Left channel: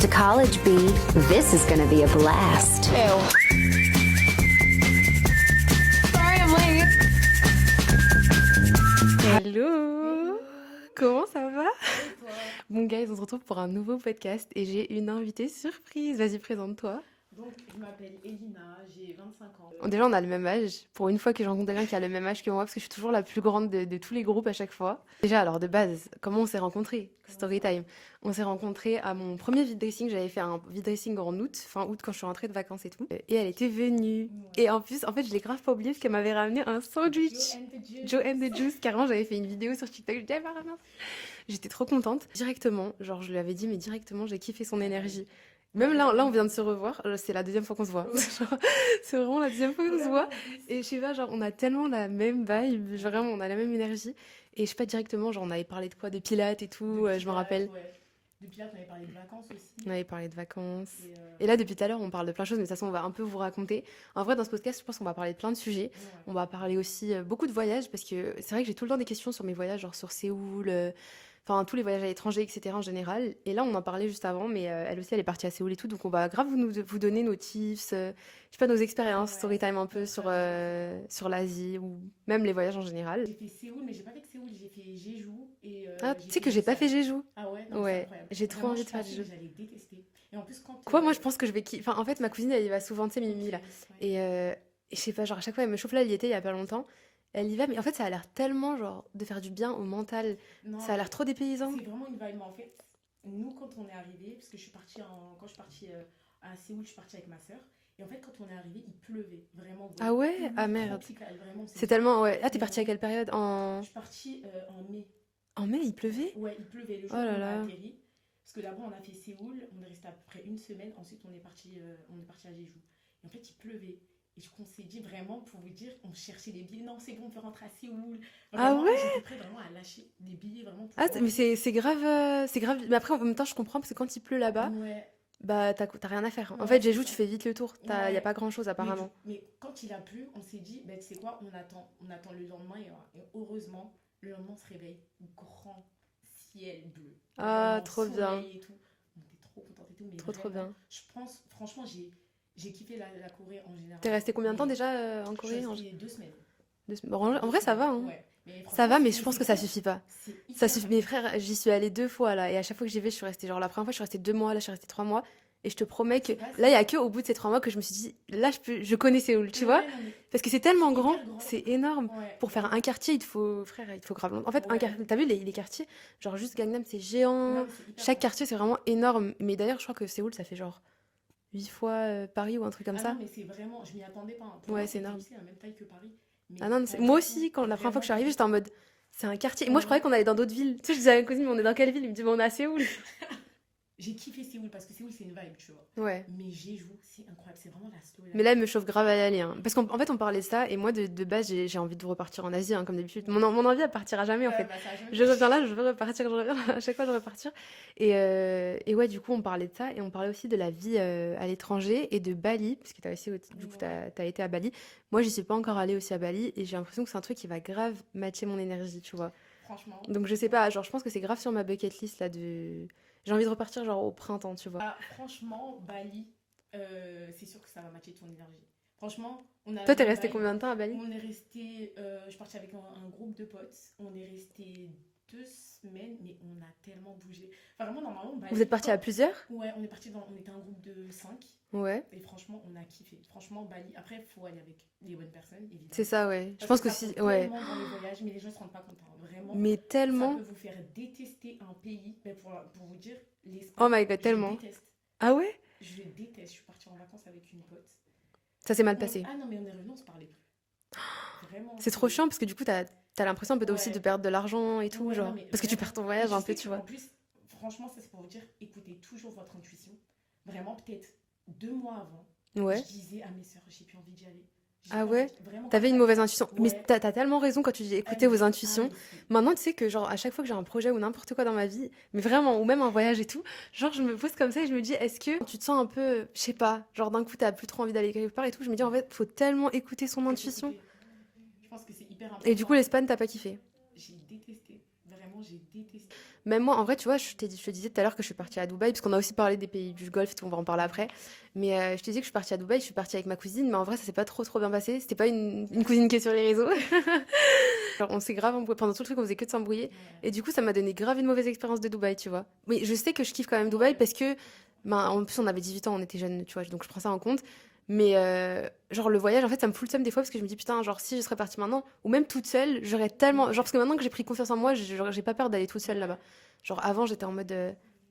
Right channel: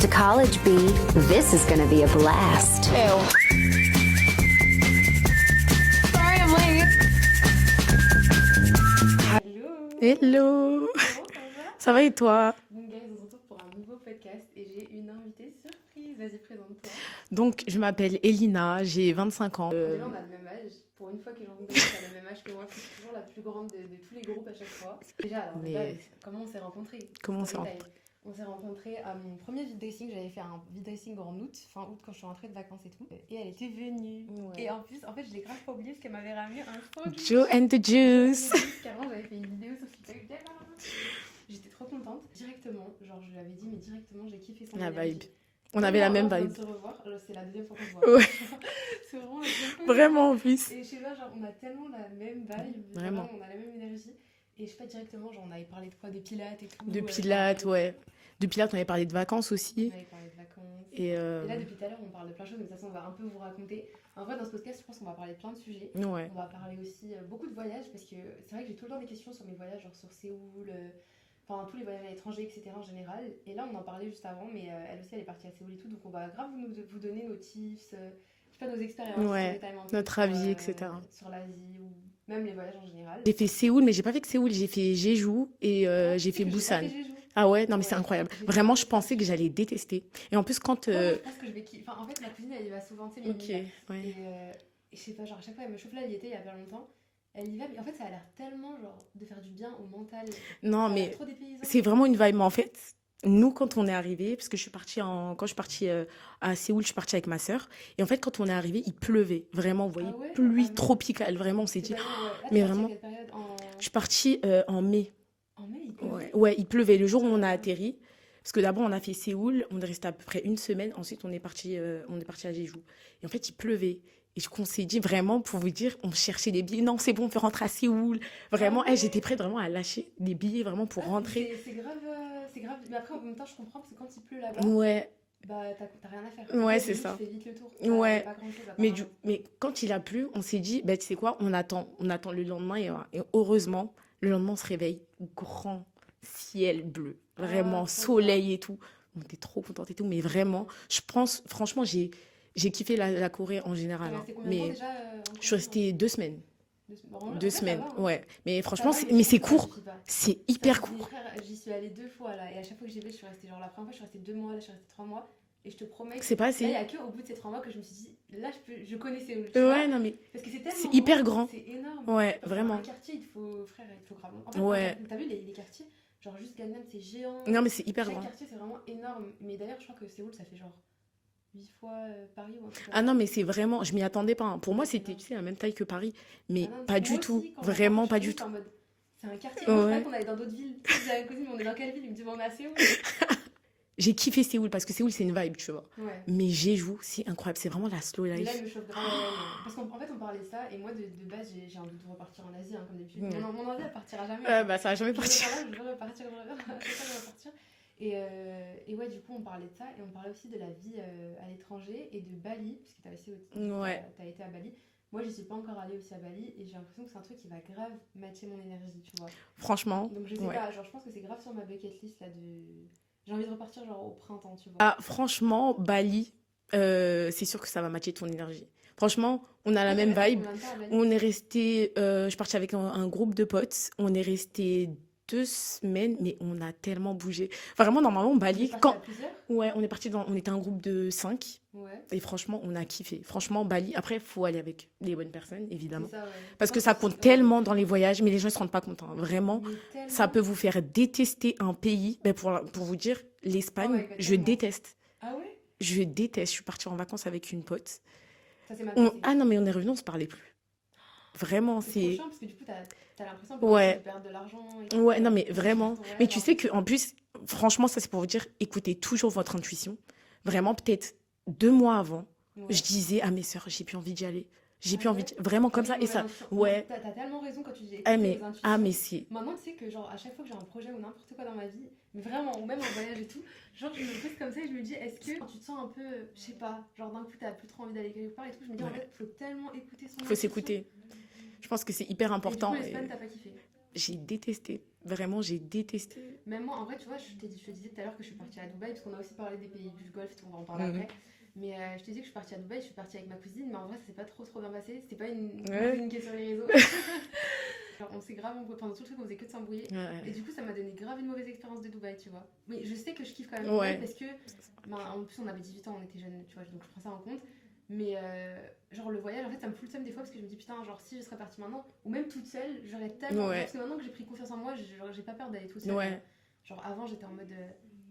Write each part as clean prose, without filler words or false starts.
To college, B. This is gonna be a blast. Ew. Sorry, I'm late. Hello. Hello. Comment ça va? Ça va et toi? Bon, guys, on se retrouve pour un nouveau podcast et j'ai une invitée surprise. Vas-y, présente-toi. Donc, je m'appelle Elina, j'ai 25 ans. Bon, déjà, on a le même âge. Pour une fois que je rencontre quelqu'un qui a le même âge que moi, parce que je suis toujours la plus grande de tous les groupes à chaque fois. Déjà, alors de base, comment on s'est rencontrés? Story time. On s'est rencontrés à mon premier vide dressing. J'avais fait un vide dressing en août, fin août, quand je suis rentrée de vacances et tout. Et elle était venue. Ouais. Et en plus, en fait, je l'ai grave pas oublié parce qu'elle m'avait ramené un sandwich. Joe and the Juice. Joe and the Juice. Carrément, j'avais fait une vidéo sur TikTok. Je disais, j'étais trop contente. Directement, genre, je lui avais dit, mais directement, j'ai kiffé son énergie. On avait la même on vient vibe. de se revoir. C'est la deuxième fois qu'on se voit. Ouais. Genre, c'est vraiment la deuxième fois qu'on se Vraiment, voit. en plus. Et je sais pas, genre, on a tellement la même vibe. Genre, Vraiment. vraiment, on a la même énergie. Et je sais pas, directement, genre, on avait parlé de quoi? De pilates et tout. De je me Pilates, rappelle. ouais. De Pilates, on avait parlé de vacances aussi. On avait parlé de vacances. Et là, depuis tout à l'heure, on parle de plein de choses, mais de toute façon, on va un peu vous raconter. En vrai, dans ce podcast, je pense qu'on va parler de plein de sujets. Ouais. On va parler aussi beaucoup de voyages, parce que c'est vrai que j'ai tout le temps des questions sur mes voyages, genre sur Séoul, enfin tous les voyages à l'étranger, etc. en général. Et là, on en parlait juste avant, mais elle aussi, elle est partie à Séoul et tout, donc on va grave vous donner nos tips, je sais pas, nos expériences, Ouais. story time un peu Notre sur, avis, etc. sur l'Asie, ou même les voyages en général. J'ai fait Séoul, mais j'ai pas fait que Séoul, j'ai fait Jeju et j'ai fait Tu sais que j'ai pas Busan. fait Jeju. Ah ouais, non mais Ouais, c'est incroyable. j'ai trop Vraiment, envie je de faire pensais que Jeju. j'allais détester. Et en plus, quand... Moi, je pense que je vais kiffer. Enfin, en fait, ma cousine, elle y va souvent, tu sais, Mimi, Ok, là. ouais. Et je sais pas, genre à chaque fois elle me chauffe, là elle y était il y a pas longtemps, elle y va, mais en fait ça a l'air tellement genre de faire du bien au mental, Non, ça a mais l'air trop dépaysant. c'est vraiment une vibe. Mais en fait, nous, quand on est arrivé, parce que quand je suis partie à Séoul, je suis partie avec ma sœur. Et en fait, quand on est arrivé, il pleuvait. Vraiment, vous voyez, Ah ouais? pluie Ah, merde. tropicale. Vraiment, on s'est C'est dit... tellement, ouais. Ah, t'es Mais partie à vraiment, quelle période? je suis partie en mai. En mai il pleuvait? Ouais, il pleuvait le jour Oh où là on a là. atterri. Parce que d'abord, on a fait Séoul, on est resté à peu près une semaine. Ensuite, on est parti à Jeju. Et en fait, il pleuvait. Et qu'on s'est dit vraiment, pour vous dire, on cherchait des billets. Non, c'est bon, on peut rentrer à Séoul. Vraiment, Ah ouais? j'étais prête vraiment à lâcher des billets vraiment pour Ah, rentrer. c'est grave, c'est grave. Mais après en même temps je comprends parce que quand il pleut là-bas, Ouais, bah t'as rien à faire. En ouais, fait c'est Jeju tu ça. fais vite le tour, y Ouais. a pas grand chose Mais, apparemment. mais quand il a plu, on s'est dit, bah, tu sais quoi, on attend le lendemain. Et heureusement, le lendemain, on se réveille. Grand ciel bleu. Ah, Vraiment, trop soleil et tout. On était trop contente et tout. Mais Trop vraiment, bien. je pense, franchement, j'ai kiffé la Corée en général. T'es restée combien de temps Mais déjà en je suis Corée? restée 2 semaines. Bon, en Deux vrai ça semaines. va, hein. Ouais. Mais Ça franchement, va, mais je pense c'est que ça court. suffit pas. C'est Ça hyper suffit. court. Mes frères, j'y suis allée 2 fois là, et à chaque fois que j'y vais, je suis restée. Genre la première fois, je suis restée 2 mois, là, je suis restée 3 mois. Et je te promets que C'est pas assez. là, il y a que au bout de ces 3 mois que je me suis dit, là, je connais Séoul, tu Ouais, vois. non, mais Parce que c'est tellement c'est hyper grand. c'est énorme. ouais, Pour vraiment. faire un quartier, il te faut, frère, il te faut grave longtemps. En fait, Ouais. t'as vu les quartiers, genre juste Gangnam, c'est géant. Non, mais c'est hyper Chaque grand. quartier, c'est vraiment énorme. Mais d'ailleurs, je crois que Séoul, ça fait genre 8 fois Paris ou un truc comme Ah ça. non, mais c'est vraiment, je m'y attendais pas, hein. Pour Ouais, moi, c'est c'était énorme. tu sais, la même taille que Paris. Mais Ah non, pas du moi tout. aussi, quand la première fois Vraiment que je suis pas arrivée, du j'étais en tout. mode, c'est un quartier. Et moi, je croyais Ouais. qu'on allait dans d'autres villes. Tu sais, je disais à mes cousines, mais on est dans quelle ville? Ils me disent, mais on est à Séoul. J'ai kiffé Séoul parce que Séoul, c'est une vibe, tu vois. Ouais. Mais Jeju, c'est incroyable. C'est vraiment la slow life. Mais là, elle me chauffe grave à y aller, hein. Parce qu'en fait, on parlait de ça, et moi, de base, j'ai envie de repartir en Asie, hein, comme d'habitude. Ouais. Mon envie, elle partira jamais, en Ouais, fait. bah ça a jamais Je reviens là, je veux repartir, je reviens là, à chaque fois, je veux repartir. Et ouais, du coup, on parlait de ça, et on parlait aussi de la vie à l'étranger, et de Bali, parce que t'as aussi, du coup, Ouais. t'as été à Bali. Moi, j'y suis pas encore allée aussi à Bali, et j'ai l'impression que c'est un truc qui va grave matcher mon énergie, tu vois. Franchement. Donc, je sais ouais. pas, genre, je pense que c'est grave sur ma bucket list, là, de... J'ai envie de repartir, genre, au printemps, tu vois. Ah, franchement, Bali, c'est sûr que ça va matcher ton énergie. Franchement, on a Toi, la t'es même resté vibe. combien de temps à Bali? On est resté, je suis partie avec un groupe de potes. On est resté 2 semaines, mais on a tellement bougé. Enfin, vraiment, normalement, Vous Bali, êtes partis à plusieurs? ouais, on était un groupe de 5. Ouais. Et franchement, on a kiffé. Franchement, Bali, après, il faut aller avec les bonnes personnes, évidemment. C'est ça, ouais. Parce Je que pense ça c'est- compte ouais. tellement dans les voyages, mais les gens ne se rendent pas compte, hein. Vraiment, Mais tellement. ça peut vous faire détester un pays. Ben pour vous dire, l'Espagne, Oh my God, je tellement. déteste. Ah ouais? Je déteste. Je suis partie en vacances avec une pote. Ça s'est mal passé. Ah non, mais on est revenu, on se parlait plus. Vraiment. C'est trop chiant parce que du coup, t'as l'impression un peu Ouais. aussi de perdre de l'argent et tout. Ouais, genre. non, mais Parce que tu vraiment. pars ton Mais voyage tu un sais peu, tu qu'en vois. plus, franchement, ça c'est pour vous dire, écoutez toujours votre intuition. Vraiment, peut-être 2 mois avant, Ouais. je disais à mes sœurs, j'ai plus envie d'y aller. J'ai Ah plus ouais? envie vraiment comme T'avais ça. une et mauvaise ça- intuition. Ouais. Mais t'as tellement raison quand tu dis Ah, écoutez mais- vos intuitions. Ah, mais c'est. Maintenant, tu sais que genre à chaque fois que j'ai un projet ou n'importe quoi dans ma vie, mais vraiment, ou même un voyage et tout, genre je me pose comme ça et je me dis, est-ce que tu te sens un peu, je sais pas, genre d'un coup t'as plus trop envie d'aller quelque part et tout, je me dis en Ouais. fait, faut tellement écouter son Faut intuition. s'écouter. Je pense que c'est hyper important. Et du coup, l'Espagne, t'as pas kiffé? J'ai détesté. Vraiment, j'ai détesté. Même moi, en vrai, tu vois, je te disais tout à l'heure que je suis partie à Dubaï, parce qu'on a aussi parlé des pays du Golfe, on va en parler après. Mais je te disais que je suis partie à Dubaï, je suis partie avec ma cousine, mais en vrai, ça s'est pas trop bien passé. C'était pas une cousine qui est sur les réseaux. Genre, on s'est grave embrouillé. Pendant tout le truc, on faisait que de s'embrouiller. Et du coup, ça m'a donné grave une mauvaise expérience de Dubaï, tu vois. Mais je sais que je kiffe quand même Dubaï parce que, ben, en plus, on avait 18 ans, on était jeunes, tu vois, donc je prends ça en compte. Mais genre, le voyage, en fait, ça me fout le seum des fois parce que je me dis, putain, genre, si je serais partie maintenant, ou même toute seule, j'aurais tellement. Genre, parce que maintenant que j'ai pris confiance en moi, j'ai pas peur d'aller toute seule là-bas. Genre, avant, j'étais en mode.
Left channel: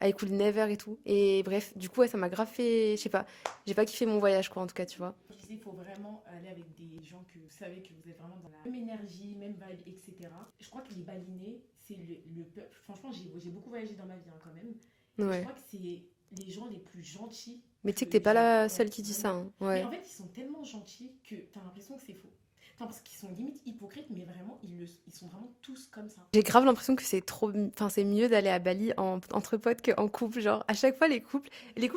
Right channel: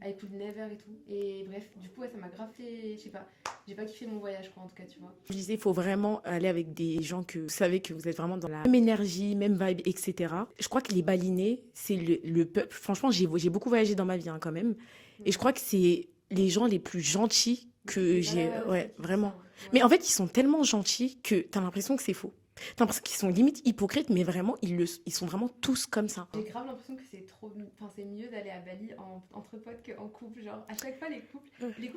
I could never et tout. Et bref, du coup, ouais, ça m'a grave fait. Je sais pas, j'ai pas kiffé mon voyage, quoi, en tout cas, tu vois. Je disais, il faut vraiment aller avec des gens que vous savez que vous êtes vraiment dans la même énergie, même vibe, etc. Je crois que les Balinais, c'est le peuple. Franchement, j'ai beaucoup voyagé dans ma vie, hein, quand même. Ouais. Et je crois que c'est les gens les plus gentils Mais que tu sais que t'es pas la ouais, seule qui dit vraiment. ça. Hein. Ouais. Mais en fait, ils sont tellement gentils que t'as l'impression que c'est faux. T'as l'impression qu'ils sont limite hypocrites, mais vraiment, ils sont vraiment tous comme ça. J'ai grave l'impression que c'est mieux d'aller à Bali entre potes qu'en couple. Genre, à chaque fois, les couples,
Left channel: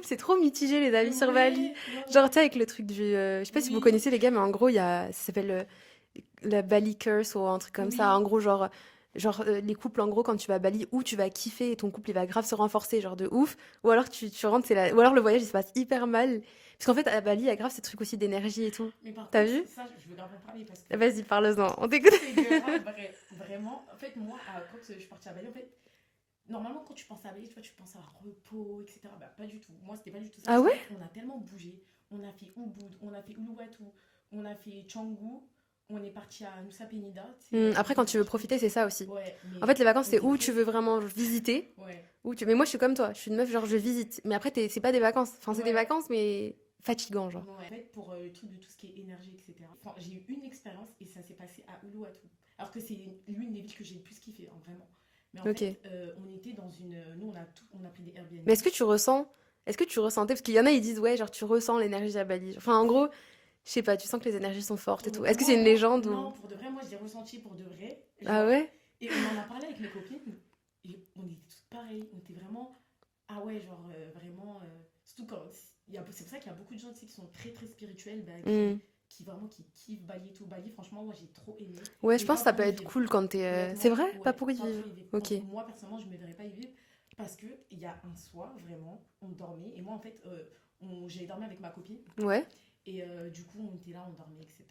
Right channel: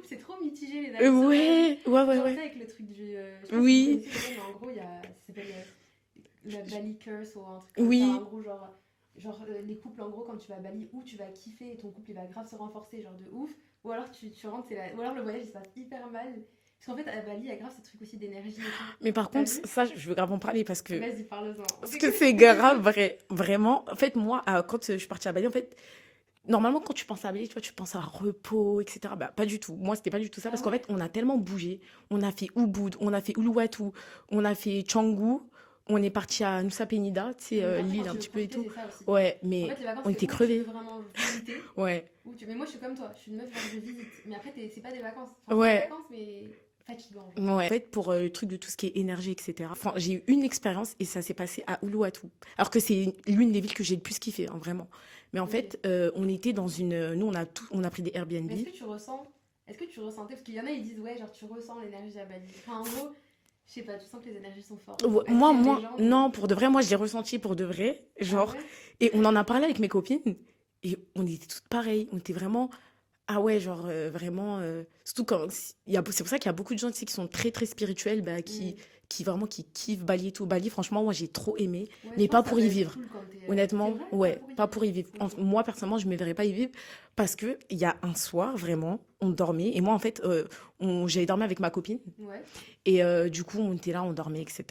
c'est trop mitigé, les amis sur Bali. Genre, tu sais, avec le truc du. Je sais pas si vous connaissez les gars, mais en gros, ça s'appelle la Bali Curse ou un truc comme ça. En gros, genre les couples, en gros, quand tu vas à Bali, ou tu vas kiffer et ton couple, il va grave se renforcer, genre de ouf. Ou alors, tu rentres, ou alors le voyage, il se passe hyper mal. Parce qu'en fait, à Bali, il y a grave ces trucs aussi d'énergie et tout. Mais par contre, ça, je veux grave en parler parce que. Vas-y, parle-en. On t'écoute. C'est grave, vraiment. En fait, moi, quand je suis partie à Bali, en fait, normalement, quand tu penses à Bali, tu vois, tu penses à repos, etc. Bah, pas du tout. Moi, c'était pas du tout ça. Parce qu'en fait, on a tellement bougé. On a fait Ubud, on a fait Uluwatu, on a fait Canggu. On est parti à Nusa Penida. Après, quand tu veux profiter, c'est ça aussi. Ouais, mais. En fait, les vacances, c'est où tu veux vraiment visiter. Ouais. Mais moi, je suis comme toi. Je suis une meuf, genre, je visite. Mais après, c'est pas des vacances. Enfin, c'est des vacances, mais fatigant, genre. Ouais. En fait, pour le truc de tout ce qui est énergie, etc. Enfin, j'ai eu une expérience et ça s'est passé à Uluwatu. Alors que c'est l'une des villes que j'ai le plus kiffé, hein, vraiment. Mais en fait, on était dans une. Nous, on a pris des Airbnb. Mais est-ce que tu ressentais. Parce qu'il y en a, ils disent, ouais, genre, tu ressens l'énergie à Bali. Enfin, en gros. Je sais pas, tu sens que les énergies sont fortes. Est-ce que c'est une légende Non, pour de vrai, moi je l'ai ressenti pour de vrai. Genre, et on en a parlé avec mes copines et on était toutes pareilles. On était vraiment. Ah ouais, genre vraiment. Surtout quand. C'est pour ça qu'il y a beaucoup de gens ici qui sont très très spirituels, bah, qui vraiment qui kiffent Bali et tout. Bali, franchement, moi j'ai trop aimé. Ouais, mais je pense pas que ça pour peut y être vivre. cool quand t'es. Honnêtement, c'est vrai, ouais, pas pour y vivre. Okay. Moi, personnellement, je ne me verrais pas y vivre parce qu'il y a un soir, vraiment, on dormait. Et moi, en fait, j'avais dormi avec ma copine. Ouais. Et du coup, on était là, on dormait, etc.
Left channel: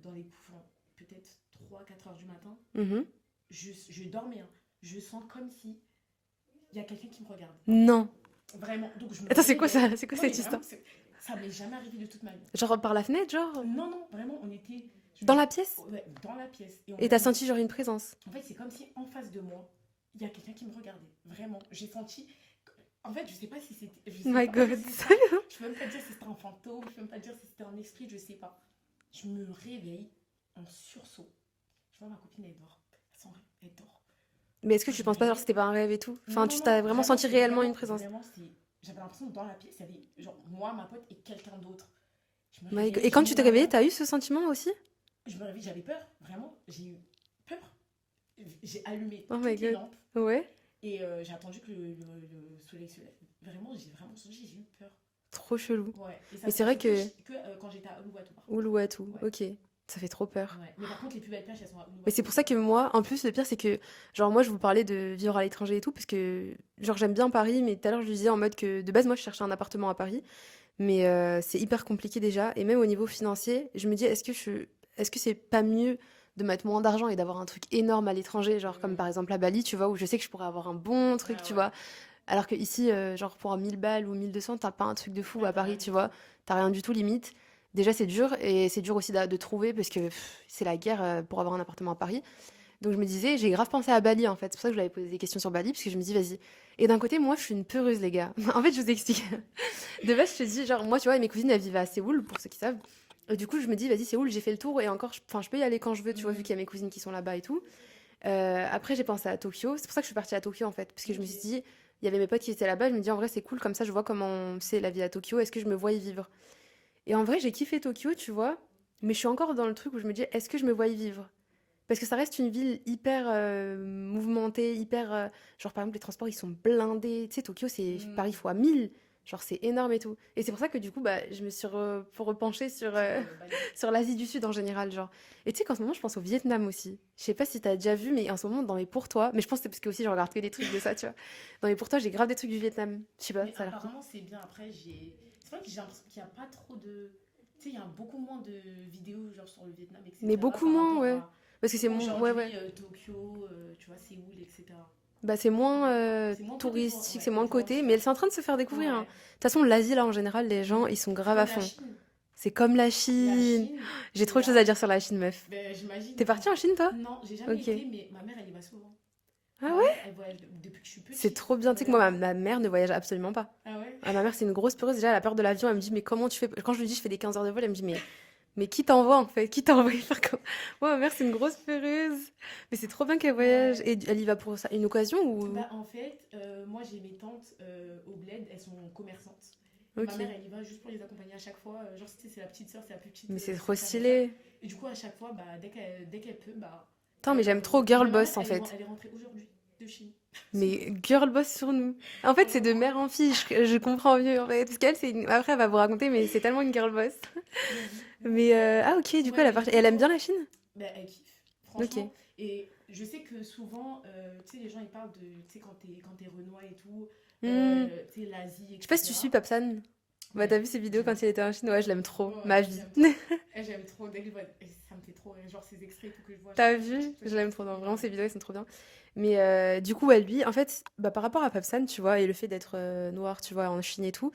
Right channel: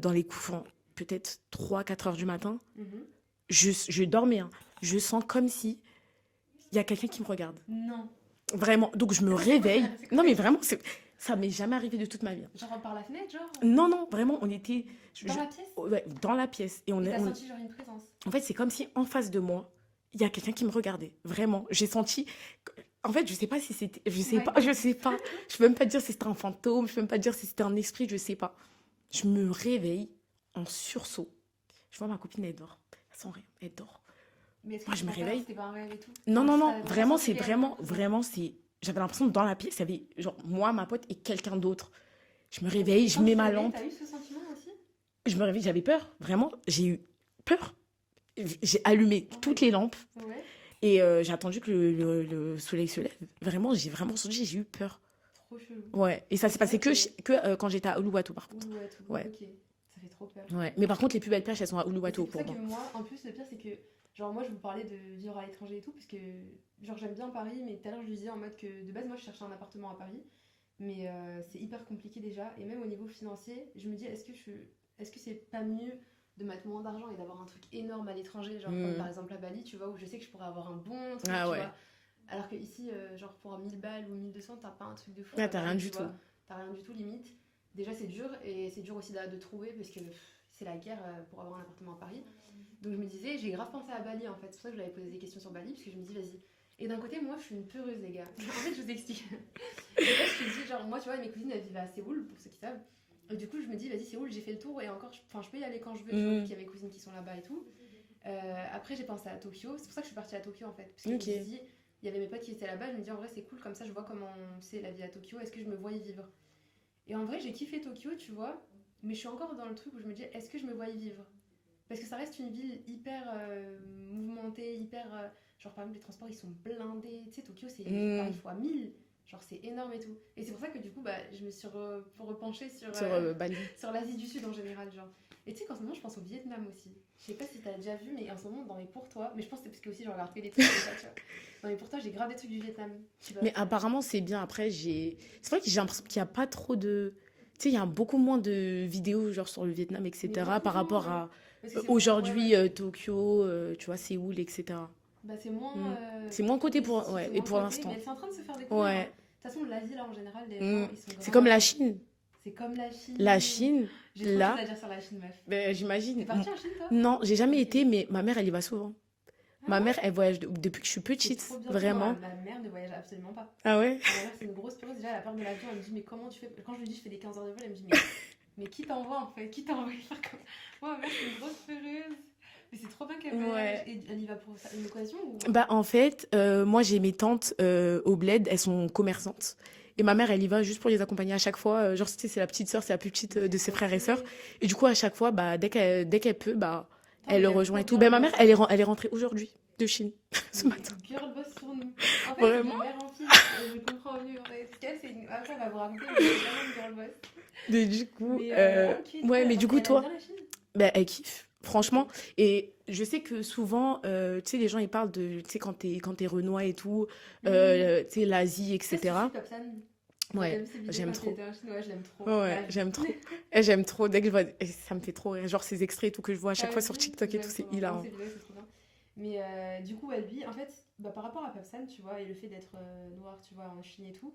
Dans les coups, peut-être 3-4 heures du matin, je dormais. Hein. Je sens comme si il y a quelqu'un qui me regarde. Non. Vraiment. Donc, je me réveille. C'est quoi non, mais vraiment, ça m'est jamais arrivé de toute ma vie. Genre par la fenêtre, genre Non, vraiment, on était... Dans la pièce? Ouais, dans la pièce. Et t'as senti genre une présence? En fait, c'est comme si en face de moi, il y a quelqu'un qui me regardait. Vraiment. J'ai senti... En fait, je sais pas si c'était... Je sais pas. Je peux même pas dire si c'était un fantôme. Je peux même pas dire si c'était un esprit. Je sais pas. Je me réveille en sursaut. Je vois ma copine, elle dort. Elle sent rien. Elle dort. Mais est-ce que tu penses pas genre c'était pas un rêve et tout? Non, tu t'as vraiment senti réellement une présence? Vraiment, j'avais l'impression que dans la pièce, il y avait genre moi, ma pote et quelqu'un d'autre. Je me réveille. Et quand tu t'es réveillée, t'as eu ce sentiment aussi? Je me réveille, j'avais peur. Vraiment, j'ai eu peur. J'ai allumé toutes les lampes. Ouais. Et j'ai attendu que le soleil se lève. Vraiment, j'ai eu peur. Trop chelou. Ouais. Et ça s'est passé que quand j'étais à Uluwatu, par contre. Uluwatu, ouais. Ok. Ça fait trop peur. Ouais. Mais par contre, les plus belles plages, elles sont à Uluwatu. Et c'est pour ça que moi, en plus, le pire, c'est que, genre, moi, je vous parlais de vivre à l'étranger et tout, parce que, genre, j'aime bien Paris, mais tout à l'heure, je disais en mode que, de base, moi, je cherchais un appartement à Paris, mais c'est hyper compliqué déjà. Et même au niveau financier, je me dis, est-ce que c'est pas mieux de mettre moins d'argent et d'avoir un truc énorme à l'étranger, genre comme par exemple à Bali, tu vois, où je sais que je pourrais avoir un bon truc, tu vois. Alors que ici, genre pour 1000 balles ou 1200, t'as pas un truc de fou à Paris, tu vois. T'as rien du tout limite. Déjà, c'est dur, et c'est dur aussi de trouver parce que c'est la guerre pour avoir un appartement à Paris. Donc je me disais, j'ai grave pensé à Bali en fait. C'est pour ça que je lui avais posé des questions sur Bali, parce que je me dis, vas-y. Et d'un côté, moi, je suis une peureuse, les gars. En fait, je vous explique. De base, je te dis, genre, moi, tu vois, mes cousines, elles vivent à Séoul, pour ceux qui savent. Et du coup, je me dis, vas-y, Séoul, j'ai fait le tour, et encore, je peux y aller quand je veux, tu vois, vu qu'il y a mes cousines qui sont là-bas et tout. Après, j'ai pensé à Tokyo. C'est pour ça que je suis partie à Tokyo, en fait. Parce que je me suis dit, il y avait mes potes qui étaient là-bas. Je me dis, en vrai, c'est cool, comme ça, je vois comment c'est la vie à Tokyo. Est-ce que je me vois y vivre? Et en vrai, j'ai kiffé Tokyo, tu vois. Mais je suis encore dans le truc où je me dis, est-ce que je me vois y vivre? Parce que ça reste une ville hyper mouvementée, hyper... genre, par exemple, les transports, ils sont blindés. Tu sais, Tokyo, c'est Paris fois 1000. Genre, c'est énorme et tout. Et c'est pour ça que du coup, bah, je me suis repenchée sur, Bali. sur l'Asie du Sud en général, genre. Et tu sais qu'en ce moment, je pense au Vietnam aussi. Je sais pas si t'as déjà vu, mais en ce moment, dans mes pour toi, mais je pense que c'est parce que aussi je regarde que des trucs de ça, tu vois. Dans mes pour toi, j'ai grave des trucs du Vietnam. Je sais pas. Mais ça a l'air cool. apparemment, c'est bien. Après, c'est vrai que j'ai l'impression qu'il n'y a pas trop de. Tu sais, il y a beaucoup moins de vidéos genre sur le Vietnam, Mais etc. beaucoup par moins, rapport ouais. à Parce que c'est moins. Ouais, ouais. aujourd'hui, Tokyo, tu vois, Séoul, etc. Bah, c'est moins Mm. C'est moins côté pour, touristique, ouais, c'est et moins pour côté, l'instant. mais c'est en train de se faire découvrir, hein. De Ouais. toute façon, l'Asie, là, en général, les gens, Mm. ils sont C'est grave comme à la fond. Chine. C'est comme la La Chine. Chine, J'ai trop de choses là, à dire sur la Chine, meuf. ben, j'imagine. T'es partie en Chine, toi? Non, j'ai jamais Ok. été, mais ma mère, elle y va souvent. Ah Ma ouais? mère, elle voyage depuis que je suis C'est petite. trop bien. Tu sais que moi, Vraiment. ma mère ne voyage absolument pas. Ah ouais? Ah, ma mère, c'est une grosse peureuse. Déjà, elle a peur de l'avion. Elle me dit, mais comment tu fais? Quand je lui dis, je fais des 15 heures de vol, elle me dit, mais qui t'envoie en fait? Qui t'a envoyé faire comme. Moi, ma mère, c'est une grosse peureuse. Mais c'est trop bien qu'elle voyage. Ouais. Et elle y va pour ça, une occasion ou. Bah, en fait, moi, j'ai mes tantes au bled, elles sont commerçantes. Et ma Ok. mère, elle y va juste pour les accompagner à chaque fois. Genre, tu sais, c'est la petite sœur, c'est la plus petite Mais c'est de ses trop frères et sœurs. stylé. Et du coup, à chaque fois, bah, dès qu'elle peut, bah, Putain, mais elle j'aime rejoint trop et tout. Girl Ben, ma Boss mère, en elle est, fait. elle est rentrée aujourd'hui de Chine. Ce Mais matin. girl boss sur nous. En fait, c'est de Vraiment. mère en fille. Je comprends mieux en fait. Parce qu'elle, après, elle va vous raconter, mais c'est tellement une girl boss. Mais du coup, Mais ah, ok, du coup, ouais, elle, mais du coup, elle aime toi, bien la Chine? ben, elle kiffe, franchement. Ok. Et je sais que souvent, tu sais, les gens, ils parlent de, tu sais, quand t'es Renoir et tout, tu sais, l'Asie, Je sais pas si tu etc. suis Papsan. Ouais, Ouais, t'as vu ses vidéos j'aime quand il trop. était en Chine? Ouais, je l'aime trop. Ouais, Ma vie. j'aime trop. Et j'aime trop. Dès que je vois, et ça me fait trop rire. Genre ces extraits et tout que je vois à chaque T'as fois sur vu? TikTok Je et l'aime tout, trop. c'est Vraiment, hilarant. ses vidéos, elles sont trop bien. Mais du coup, ouais, lui, en fait, bah, par rapport à Papsan, tu vois, et le fait d'être noir, tu vois, en Chine et tout,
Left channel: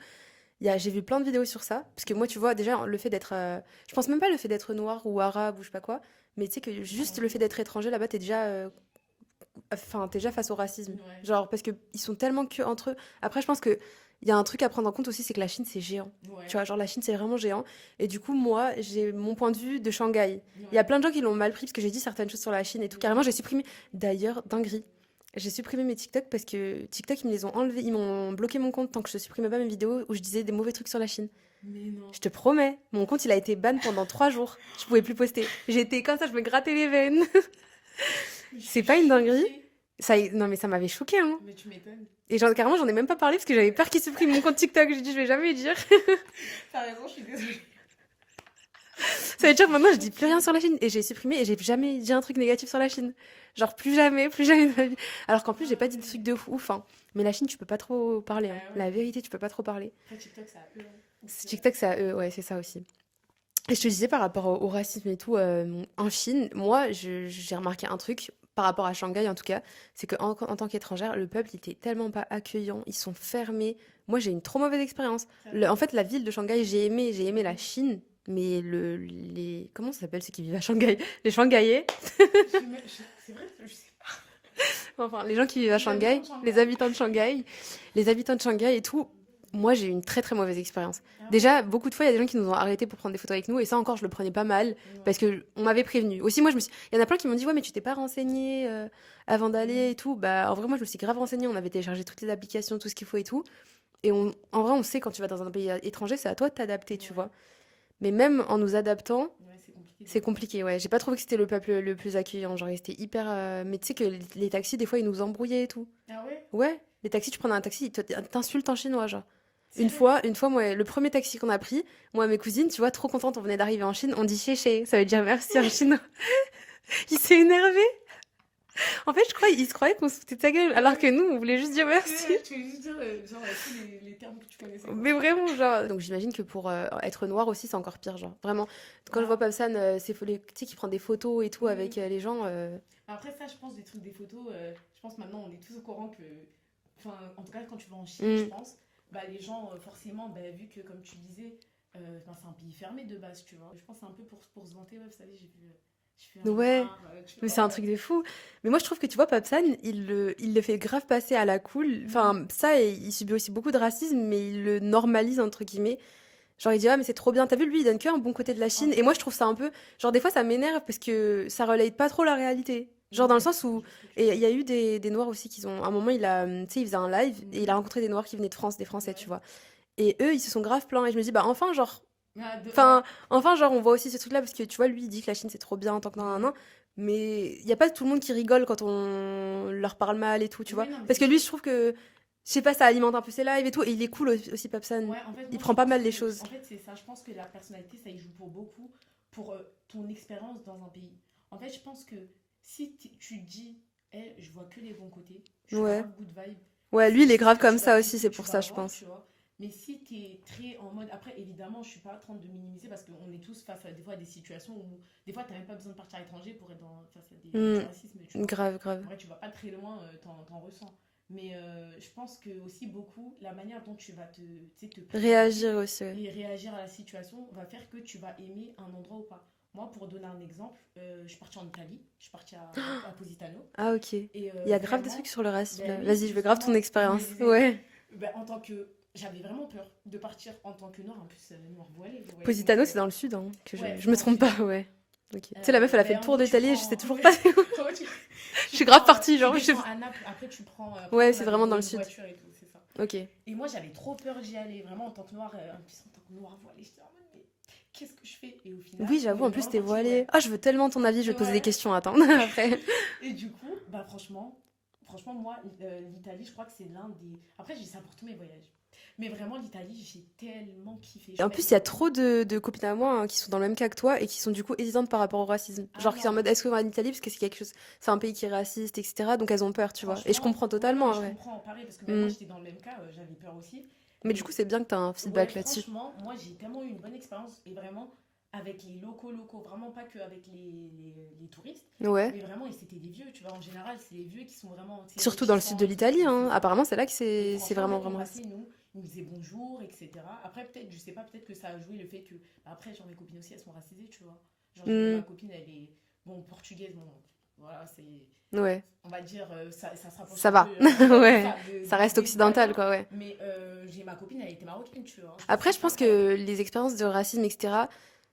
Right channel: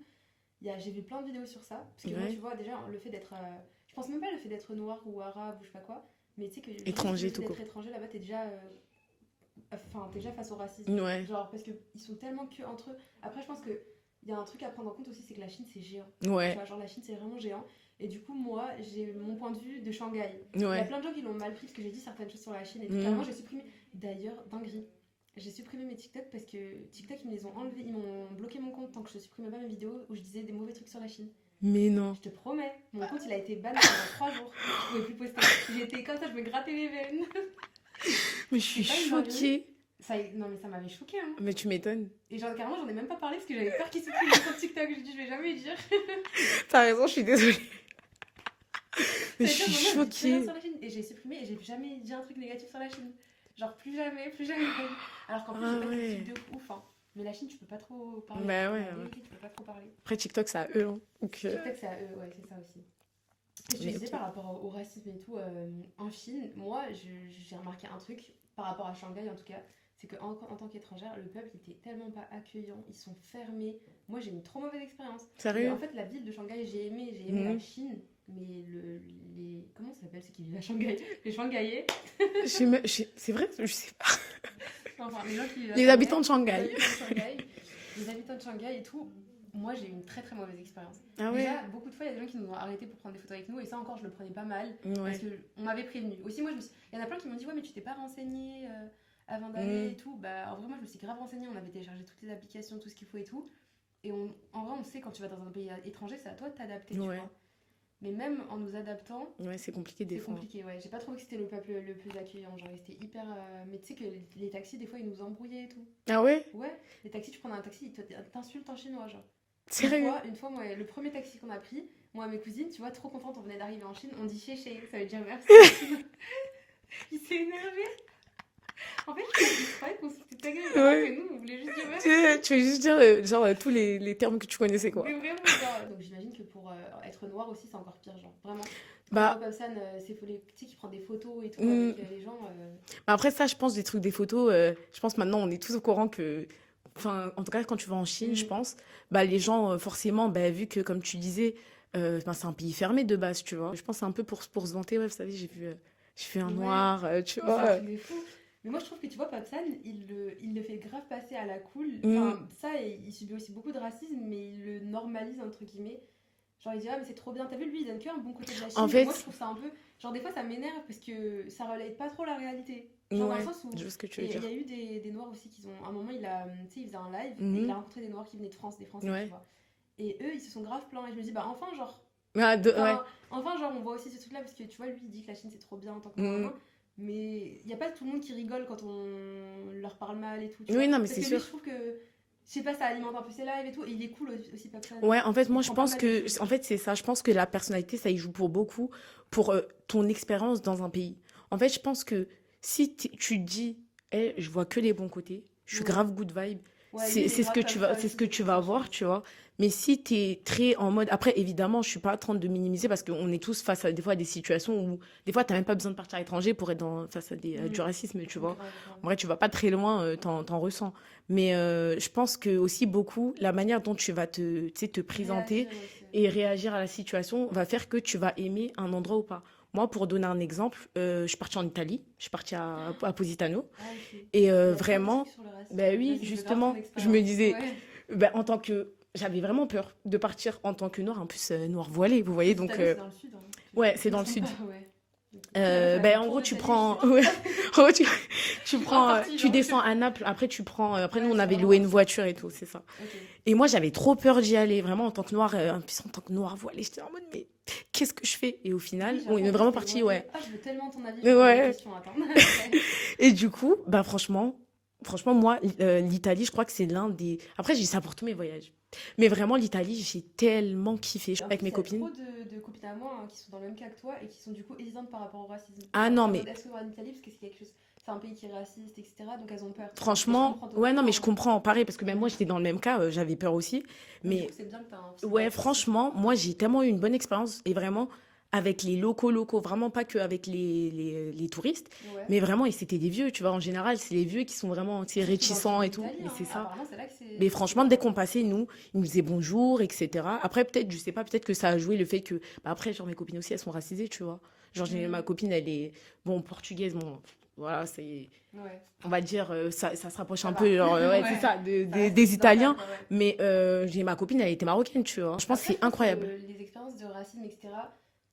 j'ai vu plein de vidéos sur ça. Parce que moi, Ouais. tu vois, déjà, le fait d'être. Je pense même pas le fait d'être noir ou arabe ou je sais pas quoi. Mais tu sais que juste Étranger, le fait tout d'être court. étranger là-bas, t'es déjà. Enfin, t'es déjà face au racisme. Ouais. Genre, parce qu'ils sont tellement que entre eux. Après, je pense que. Il y a un truc à prendre en compte aussi, c'est que la Chine, c'est géant. Tu Ouais. vois, genre la Chine, c'est vraiment géant. Et du coup, moi, j'ai mon point de vue de Shanghai. Il y a Ouais. plein de gens qui l'ont mal pris parce que j'ai dit certaines choses sur la Chine et tout. Mhm. Carrément, j'ai supprimé. D'ailleurs, dinguerie. J'ai supprimé mes TikTok parce que TikTok, ils me les ont enlevés. Ils m'ont bloqué mon compte tant que je supprimais pas mes vidéos où je disais des mauvais trucs sur la Chine. Mais non. Je te promets, mon compte, il a été ban pendant 3 jours. Je pouvais plus poster. J'étais comme ça, je me grattais les veines. Mais je C'est suis pas une dinguerie. choquée. Non, mais ça m'avait choqué, hein. Mais tu m'étonnes. Et carrément, j'en ai même pas parlé parce que j'avais peur qu'ils suppriment mon compte TikTok. J'ai dit, je vais jamais le dire. T'as raison, je suis désolée. Ça veut dire suis maintenant, je dis plus rien choquée. sur la Chine. Et j'ai supprimé et j'ai jamais dit un truc négatif sur la Chine. Genre, plus jamais de ma vie. Alors qu'en plus, j'ai Ah pas dit de ouais. trucs de ouf, hein. Mais la Chine, tu peux pas trop parler, Bah hein. ouais, La hein. vérité, tu peux pas trop parler. Après, TikTok, c'est à eux. Hein. Donc, TikTok, ça, ouais, c'est ça aussi. Et je te disais ok. par rapport au racisme et tout, en Chine, moi, j'ai remarqué un truc, par rapport à Shanghai en tout cas, c'est qu'en en tant qu'étrangère, le peuple, il était tellement pas accueillant, ils sont fermés. Moi, j'ai une trop mauvaise expérience. Sérieux? En fait, la ville de Shanghai, j'ai aimé la Mhm. Chine, mais comment ça s'appelle ceux qui vivent à Shanghai? Les Shanghaiais, C'est vrai, je sais pas. enfin, les gens qui vivent à Les Shanghai, habitants de Shanghai. les habitants de Shanghai, les habitants de Shanghai et tout. Moi, j'ai eu une très très mauvaise expérience. Ah ouais? Déjà, beaucoup de fois, il y a des gens qui nous ont arrêtés pour prendre des photos avec nous, et ça encore, je le prenais pas mal. Ouais. Parce que on m'avait prévenu. Aussi, moi, il y en a plein qui m'ont dit, ouais, mais tu t'es pas renseigné avant d'aller Mm. et tout. Bah, en vrai, moi, je me suis grave renseignée. On avait téléchargé toutes les applications, tout ce qu'il faut et tout. Et en vrai, on sait quand tu vas dans un pays étranger, c'est à toi de t'adapter, tu Ouais. vois. Mais même en nous adaptant, Ouais, c'est compliqué. des c'est fois. compliqué, ouais. J'ai pas trouvé que c'était le peuple le plus accueillant. Genre, ils étaient hyper. Mais tu sais que les taxis, des fois, ils nous embrouillaient et tout. Ah ouais? Ouais, les taxis, tu prenais un taxi, ils t'insultent en chinois, genre. Sérieux? Une fois, moi, le premier taxi qu'on a pris, moi et mes cousines, tu vois, trop contente, on venait d'arriver en Chine, on dit chéché, ça veut dire merci en chinois. Il s'est énervé. En fait, je crois qu'il se croyait qu'on se foutait de sa gueule, alors Ouais. que nous, on voulait juste dire merci. Tu veux juste dire genre tous les termes que tu connaissais quoi. Mais vraiment, genre. Donc j'imagine que pour être noir aussi, c'est encore pire, genre. Vraiment. Quand Bah. on voit Papsan, tu sais, qui prend des photos et tout avec les gens. Mais après ça, je pense des trucs, des photos, je pense maintenant on est tous au courant que, enfin en tout cas quand tu vas en Chine, Mm. je pense, bah les gens forcément, bah, vu que comme tu disais, ben, c'est un pays fermé de base, tu vois. Je pense que c'est un peu pour se vanter, ouais, vous savez, j'ai vu un Ouais. noir, tu Mais vois. c'est un truc de fou. Mais moi, je trouve que tu vois, Papsan, il le fait grave passer à la cool. Enfin, ça, il subit aussi beaucoup de racisme, mais il le normalise, entre guillemets. Genre, il dit, ah, mais c'est trop bien. T'as vu, lui, il donne que un bon côté de la Chine. En Et fait- moi, je trouve ça un peu. Genre, des fois, ça m'énerve parce que ça relate pas trop la réalité. Genre, dans le Ouais, sens où. je vois ce que tu veux Et il y dire. a eu des Noirs aussi qui ont. À un moment, tu sais, il faisait un live Mhm. et il a rencontré des Noirs qui venaient de France, des Français, Ouais. tu vois. Et eux, ils se sont grave plaints. Et je me dis, bah, enfin, genre. Ah, Enfin, enfin, genre, on voit aussi ce truc-là parce que tu vois, lui, il dit que la Chine c'est trop bien en tant que Mhm. nanana, mais il y a pas tout le monde qui rigole quand on leur parle mal et tout, tu Oui, vois. non, mais Parce c'est que lui, sûr. je trouve que je sais pas, ça alimente un peu ses lives et tout. Et il est cool aussi, Papsan. Ouais, en fait, moi, Il je prend pas pense mal les choses. que, en fait, c'est ça. Je pense que la personnalité, ça y joue pour beaucoup, pour ton expérience dans un pays. En fait, je pense que si tu te dis, hey, je vois que les bons côtés, je suis Ouais. grave good vibe. Ouais, lui, il est ce grave que comme tu ça vas, aussi, c'est ce c'est que tu pour vas ça, je voir, pense. tu vois. Mais si tu es très en mode. Après, évidemment, je suis pas en train de minimiser parce qu'on est tous face à des fois à des situations où des fois, tu n'as même pas besoin de partir à l'étranger pour être face à du racisme, tu vois. Grave, grave. En vrai, tu vas pas très loin, t'en ressens. Mais je pense que aussi beaucoup, la manière dont tu vas tu sais, te présenter Réagir aussi. Ouais. et réagir à la situation va faire que tu vas aimer un endroit ou pas. Moi, pour donner un exemple, je suis partie en Italie, je suis partie à Positano. Ah, ok. Et Il y a vraiment, trucs sur le racisme. ben oui, Vas-y, je veux grave ton justement, expérience. je me disais, Ouais. ben, en tant que. J'avais vraiment peur de partir en tant que noire, en plus noire voilée, vous voyez. Positano, donc, c'est dans le sud. Hein, que ouais, je c'est me dans le trompe sud. pas, ouais. Ok. Tu sais, la meuf, elle a fait le en tour gros, tu d'Italie. prends- Je sais ouais. En gros, je suis grave prends, partie, genre, Tu je- descends à Naples, après tu prends. Après, Ouais, on c'est avait vraiment loué dans le une sud. voiture et tout, c'est ça. Ok. Et moi, j'avais trop peur d'y aller, vraiment en tant que noire, en plus en tant que noire voilée. J'étais en mode, mais qu'est-ce que je fais? Et au final, Oui, on j'avoue, est en plus, vraiment t'es parti, voilée. ouais. Ah, je veux tellement ton avis, je vais poser des Ouais. questions, attends. Après. Et du coup, bah franchement, moi, l'Italie, je crois que c'est l'un des. Après, j'ai dit ça pour tous mes voyages. Mais vraiment, l'Italie, j'ai tellement kiffé. En Avec plus, mes il y a copines. trop de copines à moi qui sont dans le même cas que toi et qui sont du coup hésitantes par rapport au racisme. Ah Genre, non, c'est en mais- mode est-ce qu'on va en Italie parce que c'est quelque chose, c'est un pays qui est raciste, etc. Donc elles ont peur, tu vois. Franchement, Et je comprends totalement. ouais, non, mais je ouais. comprends, pareil, parce que même moi, Mm. j'étais dans le même cas, j'avais peur aussi. Mais du coup, c'est bien que tu as un feedback ouais, là-dessus. franchement, moi, j'ai tellement eu une bonne expérience, et vraiment, avec les locaux, vraiment pas qu'avec les touristes, Ouais. mais vraiment, et c'était des vieux, tu vois, en général, c'est les vieux qui sont vraiment, tu sais, Surtout dans le sud réticents de et tout, l'Italie. c'est Hein. ça. Apparemment, c'est là que c'est. Mais c'est franchement, dès vraiment qu'on passait, ils nous disaient bonjour, etc. Après, peut-être, je sais pas, peut-être que ça a joué le fait que. Bah, après, genre, mes copines aussi, elles sont racisées, tu vois. Genre, ma copine, elle est, bon, portugaise, bon, voilà, c'est. Ouais. On va dire, ça se rapproche Ça un va. peu genre, Ouais. c'est ça, Ça reste des occidental, Italiens. quoi, ouais. Mais j'ai ma copine, elle était marocaine, tu vois. Après, je pense incroyable. que les expériences de racisme, etc.,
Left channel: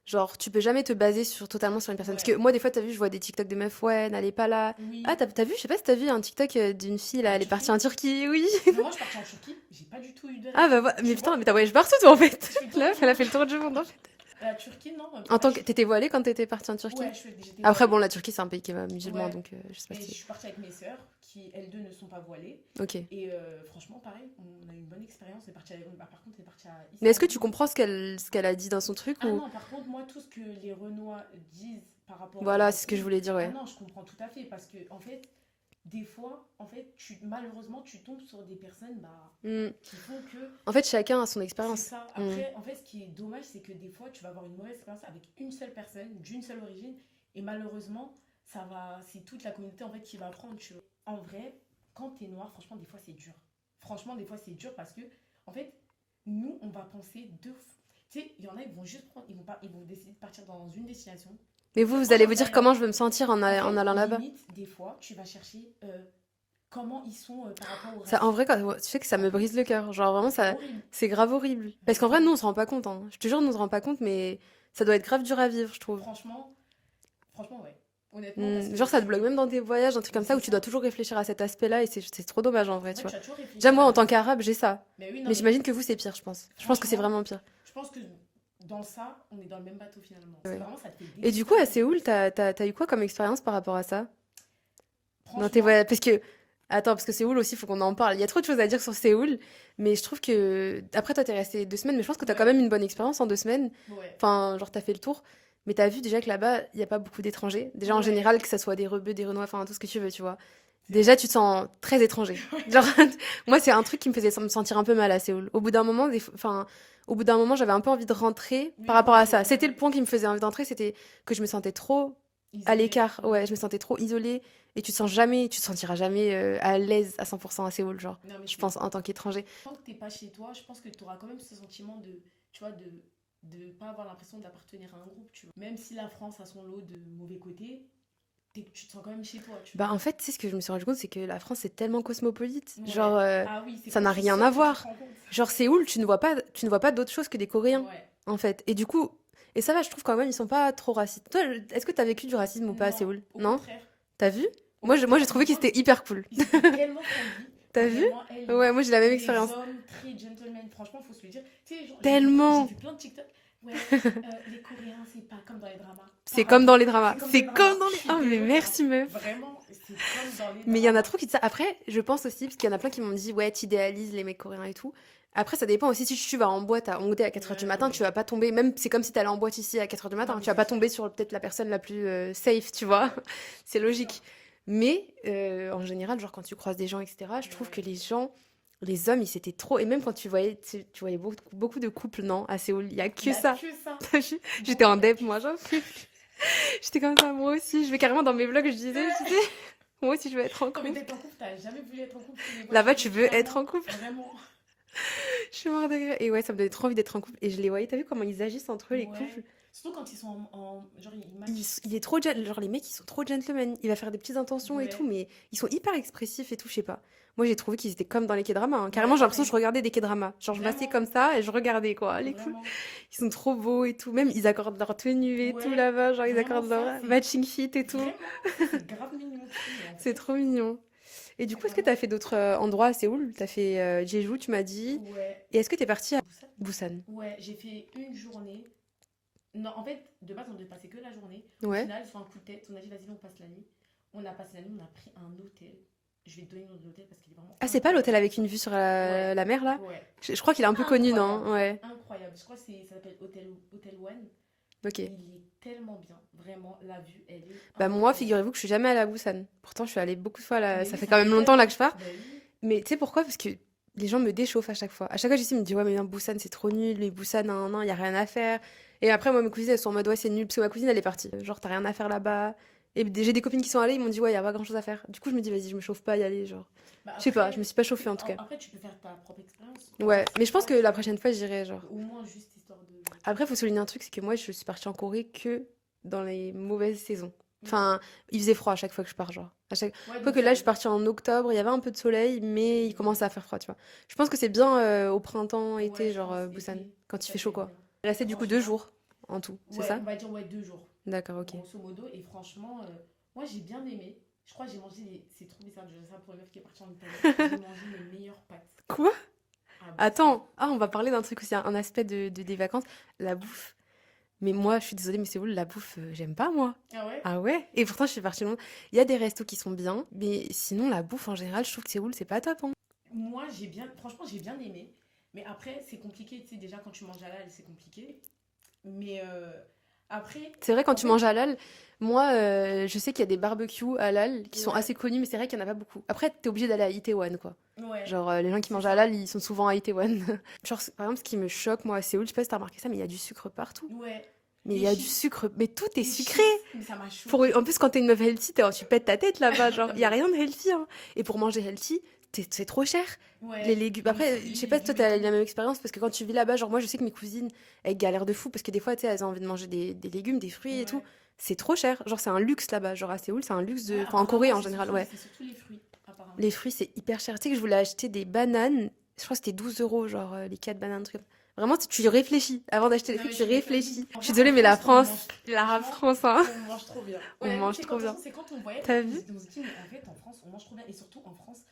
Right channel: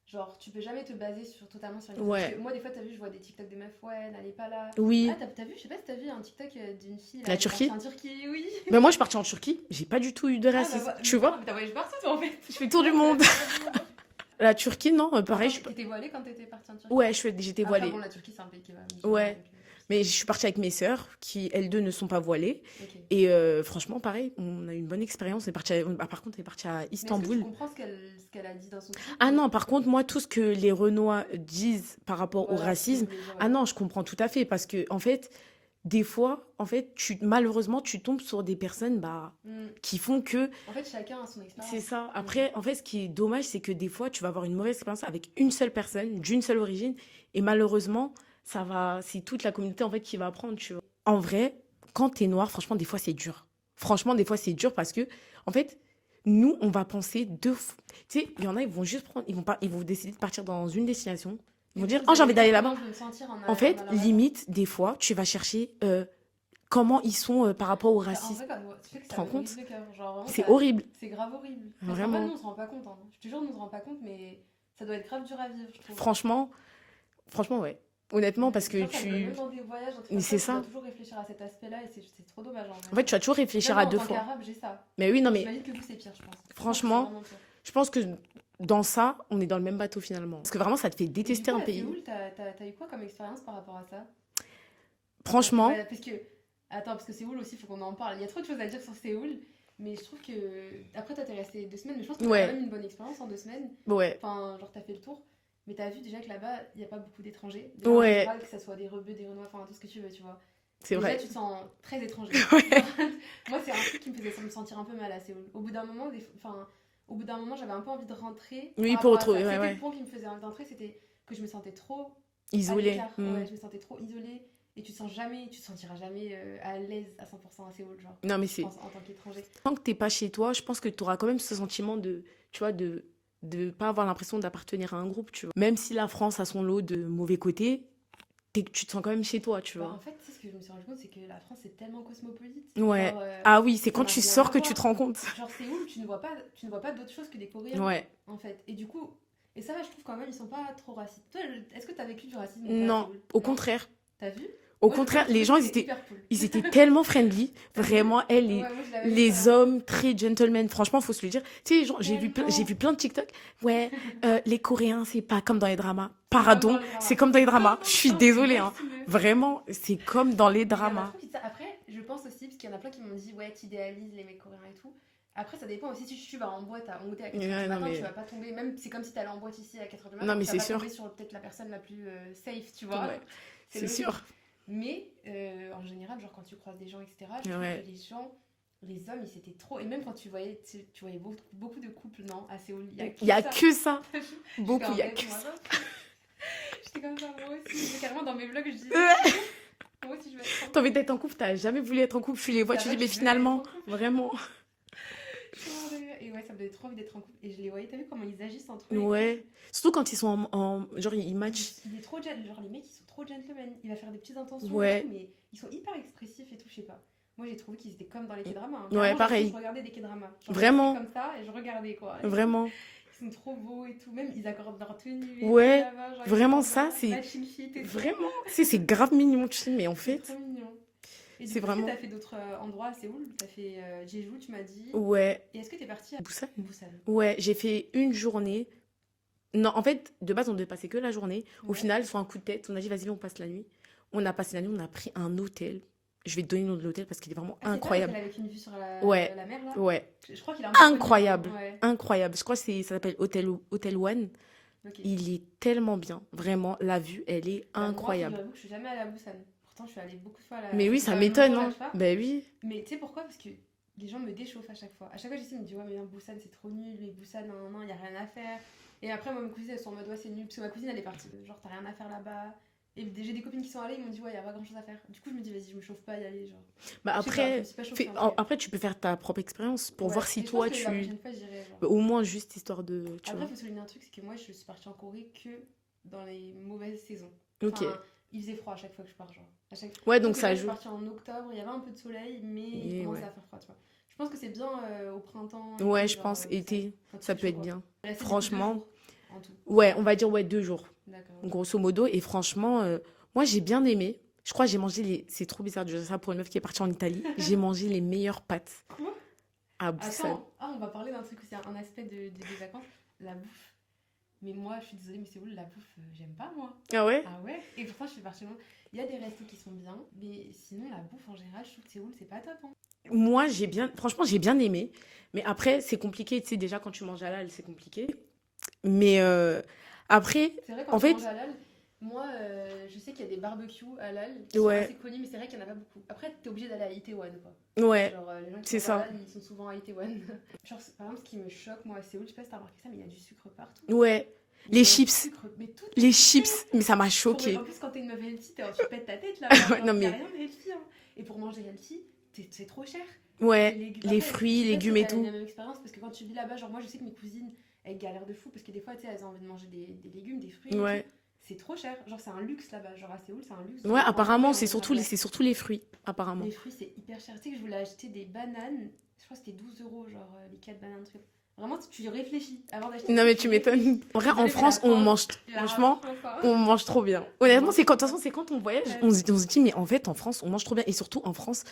genre, tu peux jamais te baser totalement sur une personne. Ouais. Parce que moi, des fois, t'as vu, je vois des TikTok de meufs, ouais, n'allez pas là. Oui. Ah, t'as vu, je sais pas si t'as vu un TikTok d'une fille, là, La elle est Turquie partie en Turquie, oui. Mais moi, je suis partie en Turquie, j'ai pas du tout eu de Ah, racisme. bah, voilà. tu Mais vois. putain, mais t'as voyagé partout, toi, en fait. Je fais tout le Elle a monde. fait tour du monde, en fait. La Turquie, non. En pareil, tant que t'étais voilée quand t'étais partie en Turquie. Ouais, j'étais Après, voilée. bon, la Turquie, c'est un pays qui est musulman, Ouais. donc je sais Mais pas. je suis partie avec mes sœurs, qui, elles deux, ne sont pas voilées. Ok. Et franchement, pareil, on a eu une bonne expérience. On est parti par contre, on est parti à Istanbul. Mais est-ce que tu comprends ce qu'elle a dit dans son truc Ah ou- non, par contre, moi, tout ce que les Renois disent par rapport au Voilà, c'est ce que je racisme, voulais dire. Ouais. ah non, je comprends tout à fait. Parce que, en fait, des fois, en fait, malheureusement, tu tombes sur des personnes Mm. qui font que. En fait, chacun a son C'est expérience. ça. Après, en fait, ce qui est dommage, c'est que des fois, tu vas avoir une mauvaise expérience avec une seule personne, d'une seule origine. Et malheureusement, c'est toute la communauté, en fait, qui va apprendre, tu vois. En vrai, quand t'es noir, franchement, des fois, c'est dur. Franchement, des fois, c'est dur parce que, en fait, nous, on va penser deux fois. Tu sais, il y en a, ils vont juste prendre, ils vont décider de partir dans une destination. Mais Ils vont vous, dire, vous oh, allez j'ai vous envie dire d'aller comment là-bas. je vais me sentir en En fait, allant là-bas. limite, des fois, tu vas chercher comment ils sont par rapport au racisme. En vrai, tu sais que ça Tu te me rends brise le cœur. Genre, vraiment, C'est ça. horrible. C'est grave horrible. Parce qu'en vrai, Vraiment. nous, on se rend pas compte. Hein. Je te jure, nous, on se rend pas compte, mais ça doit être grave dur à vivre, je trouve. Franchement, ouais. Honnêtement, parce que Genre, ça te bloque même dans tes voyages, un truc Mais comme ça, c'est où tu ça. dois toujours réfléchir à cet aspect-là, et c'est trop dommage en vrai. En fait, tu vois. vas toujours réfléchir Déjà, moi, à en deux tant fois. qu'arabe, j'ai ça. Mais oui, non, Mais mais j'imagine que vous, c'est pire, je pense. Je pense que c'est Franchement, vraiment pire. je pense que dans ça, on est dans le même bateau finalement. Parce que vraiment, ça te fait Et détester du coup, un à pays. Séoul, t'as eu quoi comme expérience par rapport à ça? Dans tes Franchement, voyages Parce que. Attends, parce que Séoul aussi, il faut qu'on en parle. Il y a trop de choses à dire sur Séoul, mais je trouve que. Après, toi, t'es resté 2 semaines, mais je pense que t'as Ouais. quand même une bonne expérience en 2 semaines. ouais. Enfin, genre, t'as fait le tour. Mais t'as vu déjà que là-bas, il n'y a pas beaucoup d'étrangers. Déjà, en Ouais. général, que ça soit des rebeux, des renois, enfin, tout ce que tu veux, tu vois. C'est Déjà, vrai. tu te sens très étranger. Ouais. Genre, moi, c'est un truc qui me faisait me sentir un peu mal à Séoul. Au bout d'un moment, j'avais un peu envie de rentrer Oui, par rapport pour à ça. retrouver, C'était ouais. le point qui me faisait envie d'entrer, c'était que je me sentais trop à Isolé. l'écart. Mm. Ouais, je me sentais trop isolée. Et tu te sentiras jamais à l'aise à 100% à Séoul, genre. Non, mais Je pense en tant qu'étranger. tant que t'es pas chez toi, je pense que tu auras quand même ce sentiment de, tu vois, de pas avoir l'impression d'appartenir à un groupe, tu vois. Même si la France a son lot de mauvais côtés, tu te sens quand même chez toi, tu vois. Bah, en fait, tu sais, ce que je me suis rendu compte, c'est que la France, c'est tellement cosmopolite. Ouais. Genre, Ah oui, c'est ça quand n'a tu rien sors à que voir. tu te rends compte. genre Séoul, tu ne vois pas d'autre chose que des Coréens, Ouais. en fait. Et du coup, ça va, je trouve quand même, ils sont pas trop racistes. Toi, est-ce que t'as vécu du racisme ou pas à Non, Séoul? au Non. contraire. T'as vu? Au Moi, contraire, je trouvais les gens, que c'était hyper cool. ils étaient tellement friendly. T'as vu? Vraiment, elle, Ouais, moi j'ai la même les expérience. hommes très gentlemen. Franchement, faut se le dire. Tu sais, genre, Tellement. j'ai vu plein de TikTok. Ouais, les Coréens, c'est pas comme dans les dramas. C'est Pardon, comme dans les dramas. C'est comme dans les dramas. comme dans Je les suis dramas, mais désolée. Merci, meuf. Vraiment, c'est comme dans les Mais dramas. il y en a trop qui disent ça. Après, je pense aussi, parce qu'il y en a plein qui m'ont dit, ouais, t'idéalises les mecs coréens et tout. Après, ça dépend aussi si tu vas en boîte à Hongdae à 4h Ouais, du non, matin, mais- tu vas pas tomber, même c'est comme si t'allais en boîte ici à 4h du matin, Non, mais tu vas c'est pas sûr. tomber sur peut-être la personne la plus safe, tu vois. Ouais, C'est c'est logique. sûr. Mais en général, genre quand tu croises des gens, etc., je trouve Ouais. que les gens, les hommes, ils s'étaient trop. Et même quand tu voyais beaucoup, beaucoup de couples, non, à Séoul, il y a que Il y a ça. que ça. J'étais en il y a dep, que moi. ça. J'étais comme ça, moi aussi. Je vais carrément dans mes vlogs, je disais, moi aussi, je veux être en T'as envie couple. d'être en couple, t'as jamais voulu être en couple. Je les vois, Là-bas, dis, tu mais veux être finalement, en couple. Vraiment. Je suis morte de rire. Et ouais, ça me donnait trop envie d'être en couple. Et je les voyais, t'as vu comment ils agissent entre eux, les Ouais. couples. Surtout quand ils sont genre, ils matchent. Il est trop genre les mecs ils sont trop gentlemen, il va faire des petites intentions et Ouais. tout, mais ils sont hyper expressifs et tout, je sais pas. Moi j'ai trouvé qu'ils étaient comme dans les K-dramas, hein. Ouais, Carrément j'ai l'impression pareil. que je regardais des K-dramas, genre je Vraiment. restais comme ça et je regardais quoi. Les Vraiment. couples, ils sont trop beaux et tout, même ils accordent leur tenue et Ouais, tout là-bas, genre ils vraiment, accordent ça, leur c'est- matching fit et tout. Vraiment. Tu sais, c'est grave mignon, tu sais, mais en C'est fait. trop mignon. Et du c'est coup, est-ce que vraiment- t'as fait d'autres endroits à Séoul? T'as fait Jeju, tu m'as dit. Ouais. Et est-ce que t'es partie à Busan. Busan? Ouais, j'ai fait une journée. Non, en fait, de base, on devait passer que la journée. Au Ouais. final, sur un coup de tête, on a dit, vas-y, on passe la nuit. On a passé la nuit, on a pris un hôtel. Je vais te donner le nom de l'hôtel parce qu'il est vraiment Ah, c'est pas incroyable. l'hôtel avec une vue sur Ouais. la mer là? Ouais, Je crois qu'il est un peu connu, Incroyable. non? Ouais. incroyable. Je crois que ça s'appelle Hôtel One. Ok. Il est tellement bien. Vraiment, la vue, elle est Bah moi, incroyable. figurez-vous que je suis jamais allée à Busan. Pourtant, je suis allée beaucoup de fois là. Mais Ça oui, fait ça quand même m'étonne, longtemps là hein. que je pars. Ben oui. Mais tu sais pourquoi? Parce que les gens me déchauffent à chaque fois. À chaque fois, je me dis ouais, mais non, Busan c'est trop nul. Les Busan, non, il y a rien à faire. Et après, moi, mes cousines elles sont en mode ouais, c'est nul. Parce que ma cousine elle est partie. Genre, t'as rien à faire là-bas. Et j'ai des copines qui sont allées, ils m'ont dit ouais, il y a pas grand chose à faire. Du coup, je me dis vas-y, je me chauffe pas à y aller. Genre, Bah je sais pas, je me suis pas chauffée en tout cas. Après, tu peux faire ta propre expérience. Pour Ouais, voir si mais je pense toi, que la tu- prochaine fois, j'irai. Genre. Au moins, juste histoire de. tu Après, vois. faut souligner un truc, c'est que moi, je suis partie en Corée que dans les mauvaises saisons. Ok. Enfin, il faisait froid à chaque fois que je pars, genre. À chaque... Ouais, Donc donc là, ça je suis joue. partie en octobre, il y avait un peu de soleil, mais il Mais commençait ouais. à faire froid, tu vois. Je pense que c'est bien au printemps, été, Ouais, je genre, pense, Busan, été. quand il Ça fait peut chaud, être quoi. bien. Là, c'est du coup 2 Franchement. jours en tout. c'est Ouais, ça on va dire 2 jours, D'accord, ok. grosso modo. Et franchement, moi, j'ai bien aimé. Je crois que j'ai mangé les. C'est trop bizarre de dire ça pour une meuf qui est partie en Italie. J'ai mangé les meilleures pâtes Quoi? à Busan. Attends, on va parler d'un truc aussi, un aspect des vacances, la bouffe. Mais moi, je suis désolée, mais c'est où la bouffe, j'aime pas, moi. Ah ouais? Ah ouais? Et pourtant, je suis partie loin. Il y a des restos qui sont bien, mais sinon, la bouffe, en général, je trouve que Séoul, c'est pas top, hein. Moi, franchement, j'ai bien aimé. Mais après, c'est compliqué. Tu sais, déjà, quand tu manges halal, c'est compliqué. Mais après, C'est vrai, quand En tu fait- manges halal, moi, je sais qu'il y a des barbecues halal qui sont Ouais. assez connus, mais c'est vrai qu'il n'y en a pas beaucoup. Après, t'es obligé d'aller à Itaewon, quoi. ouais. Genre, les gens qui c'est mangent ça. halal, ils sont souvent à Itaewon. Genre, par exemple, ce qui me choque, moi, à Séoul, je sais pas si t'as remarqué ça, mais il y a du sucre partout. Ouais. Mais Les il y a du chips. sucre, mais tout est Les sucré. chips. Mais ça m'a Pour- choqué. En plus, quand t'es une meuf healthy, tu pètes ta tête là-bas. Genre, Non, il y a mais- rien de healthy, hein. Et pour manger healthy, c'est trop cher. Ouais. Les légumes, les après, fruits, je sais les pas si toi, légumes et t'as tout. la même expérience, parce que quand tu vis là-bas, genre moi, je sais que mes cousines, elles galèrent de fou, parce que des fois, tu sais, elles ont envie de manger des légumes, des fruits et Ouais. tout. C'est trop cher. Genre, c'est un luxe là-bas. Genre, à Séoul, c'est un luxe. Ouais, enfin, en apparemment, Corée, en c'est général, surtout, ouais. c'est surtout les fruits. Apparemment. Les fruits, c'est hyper cher. Tu sais que je voulais acheter des bananes. Je crois que c'était 12 euros, genre les 4 bananes, un truc comme ça. Vraiment, tu réfléchis avant d'acheter Non, des mais trucs, tu m'étonnes. réfléchis. En Je suis vrai, désolée, en mais la France, on France. mange. Franchement, France, hein. on mange trop bien. On Honnêtement, mange c'est quand, de trop toute façon, c'est quand on voyage, Ouais. on se dit, mais en fait, en France, on mange trop bien. Et surtout, en France,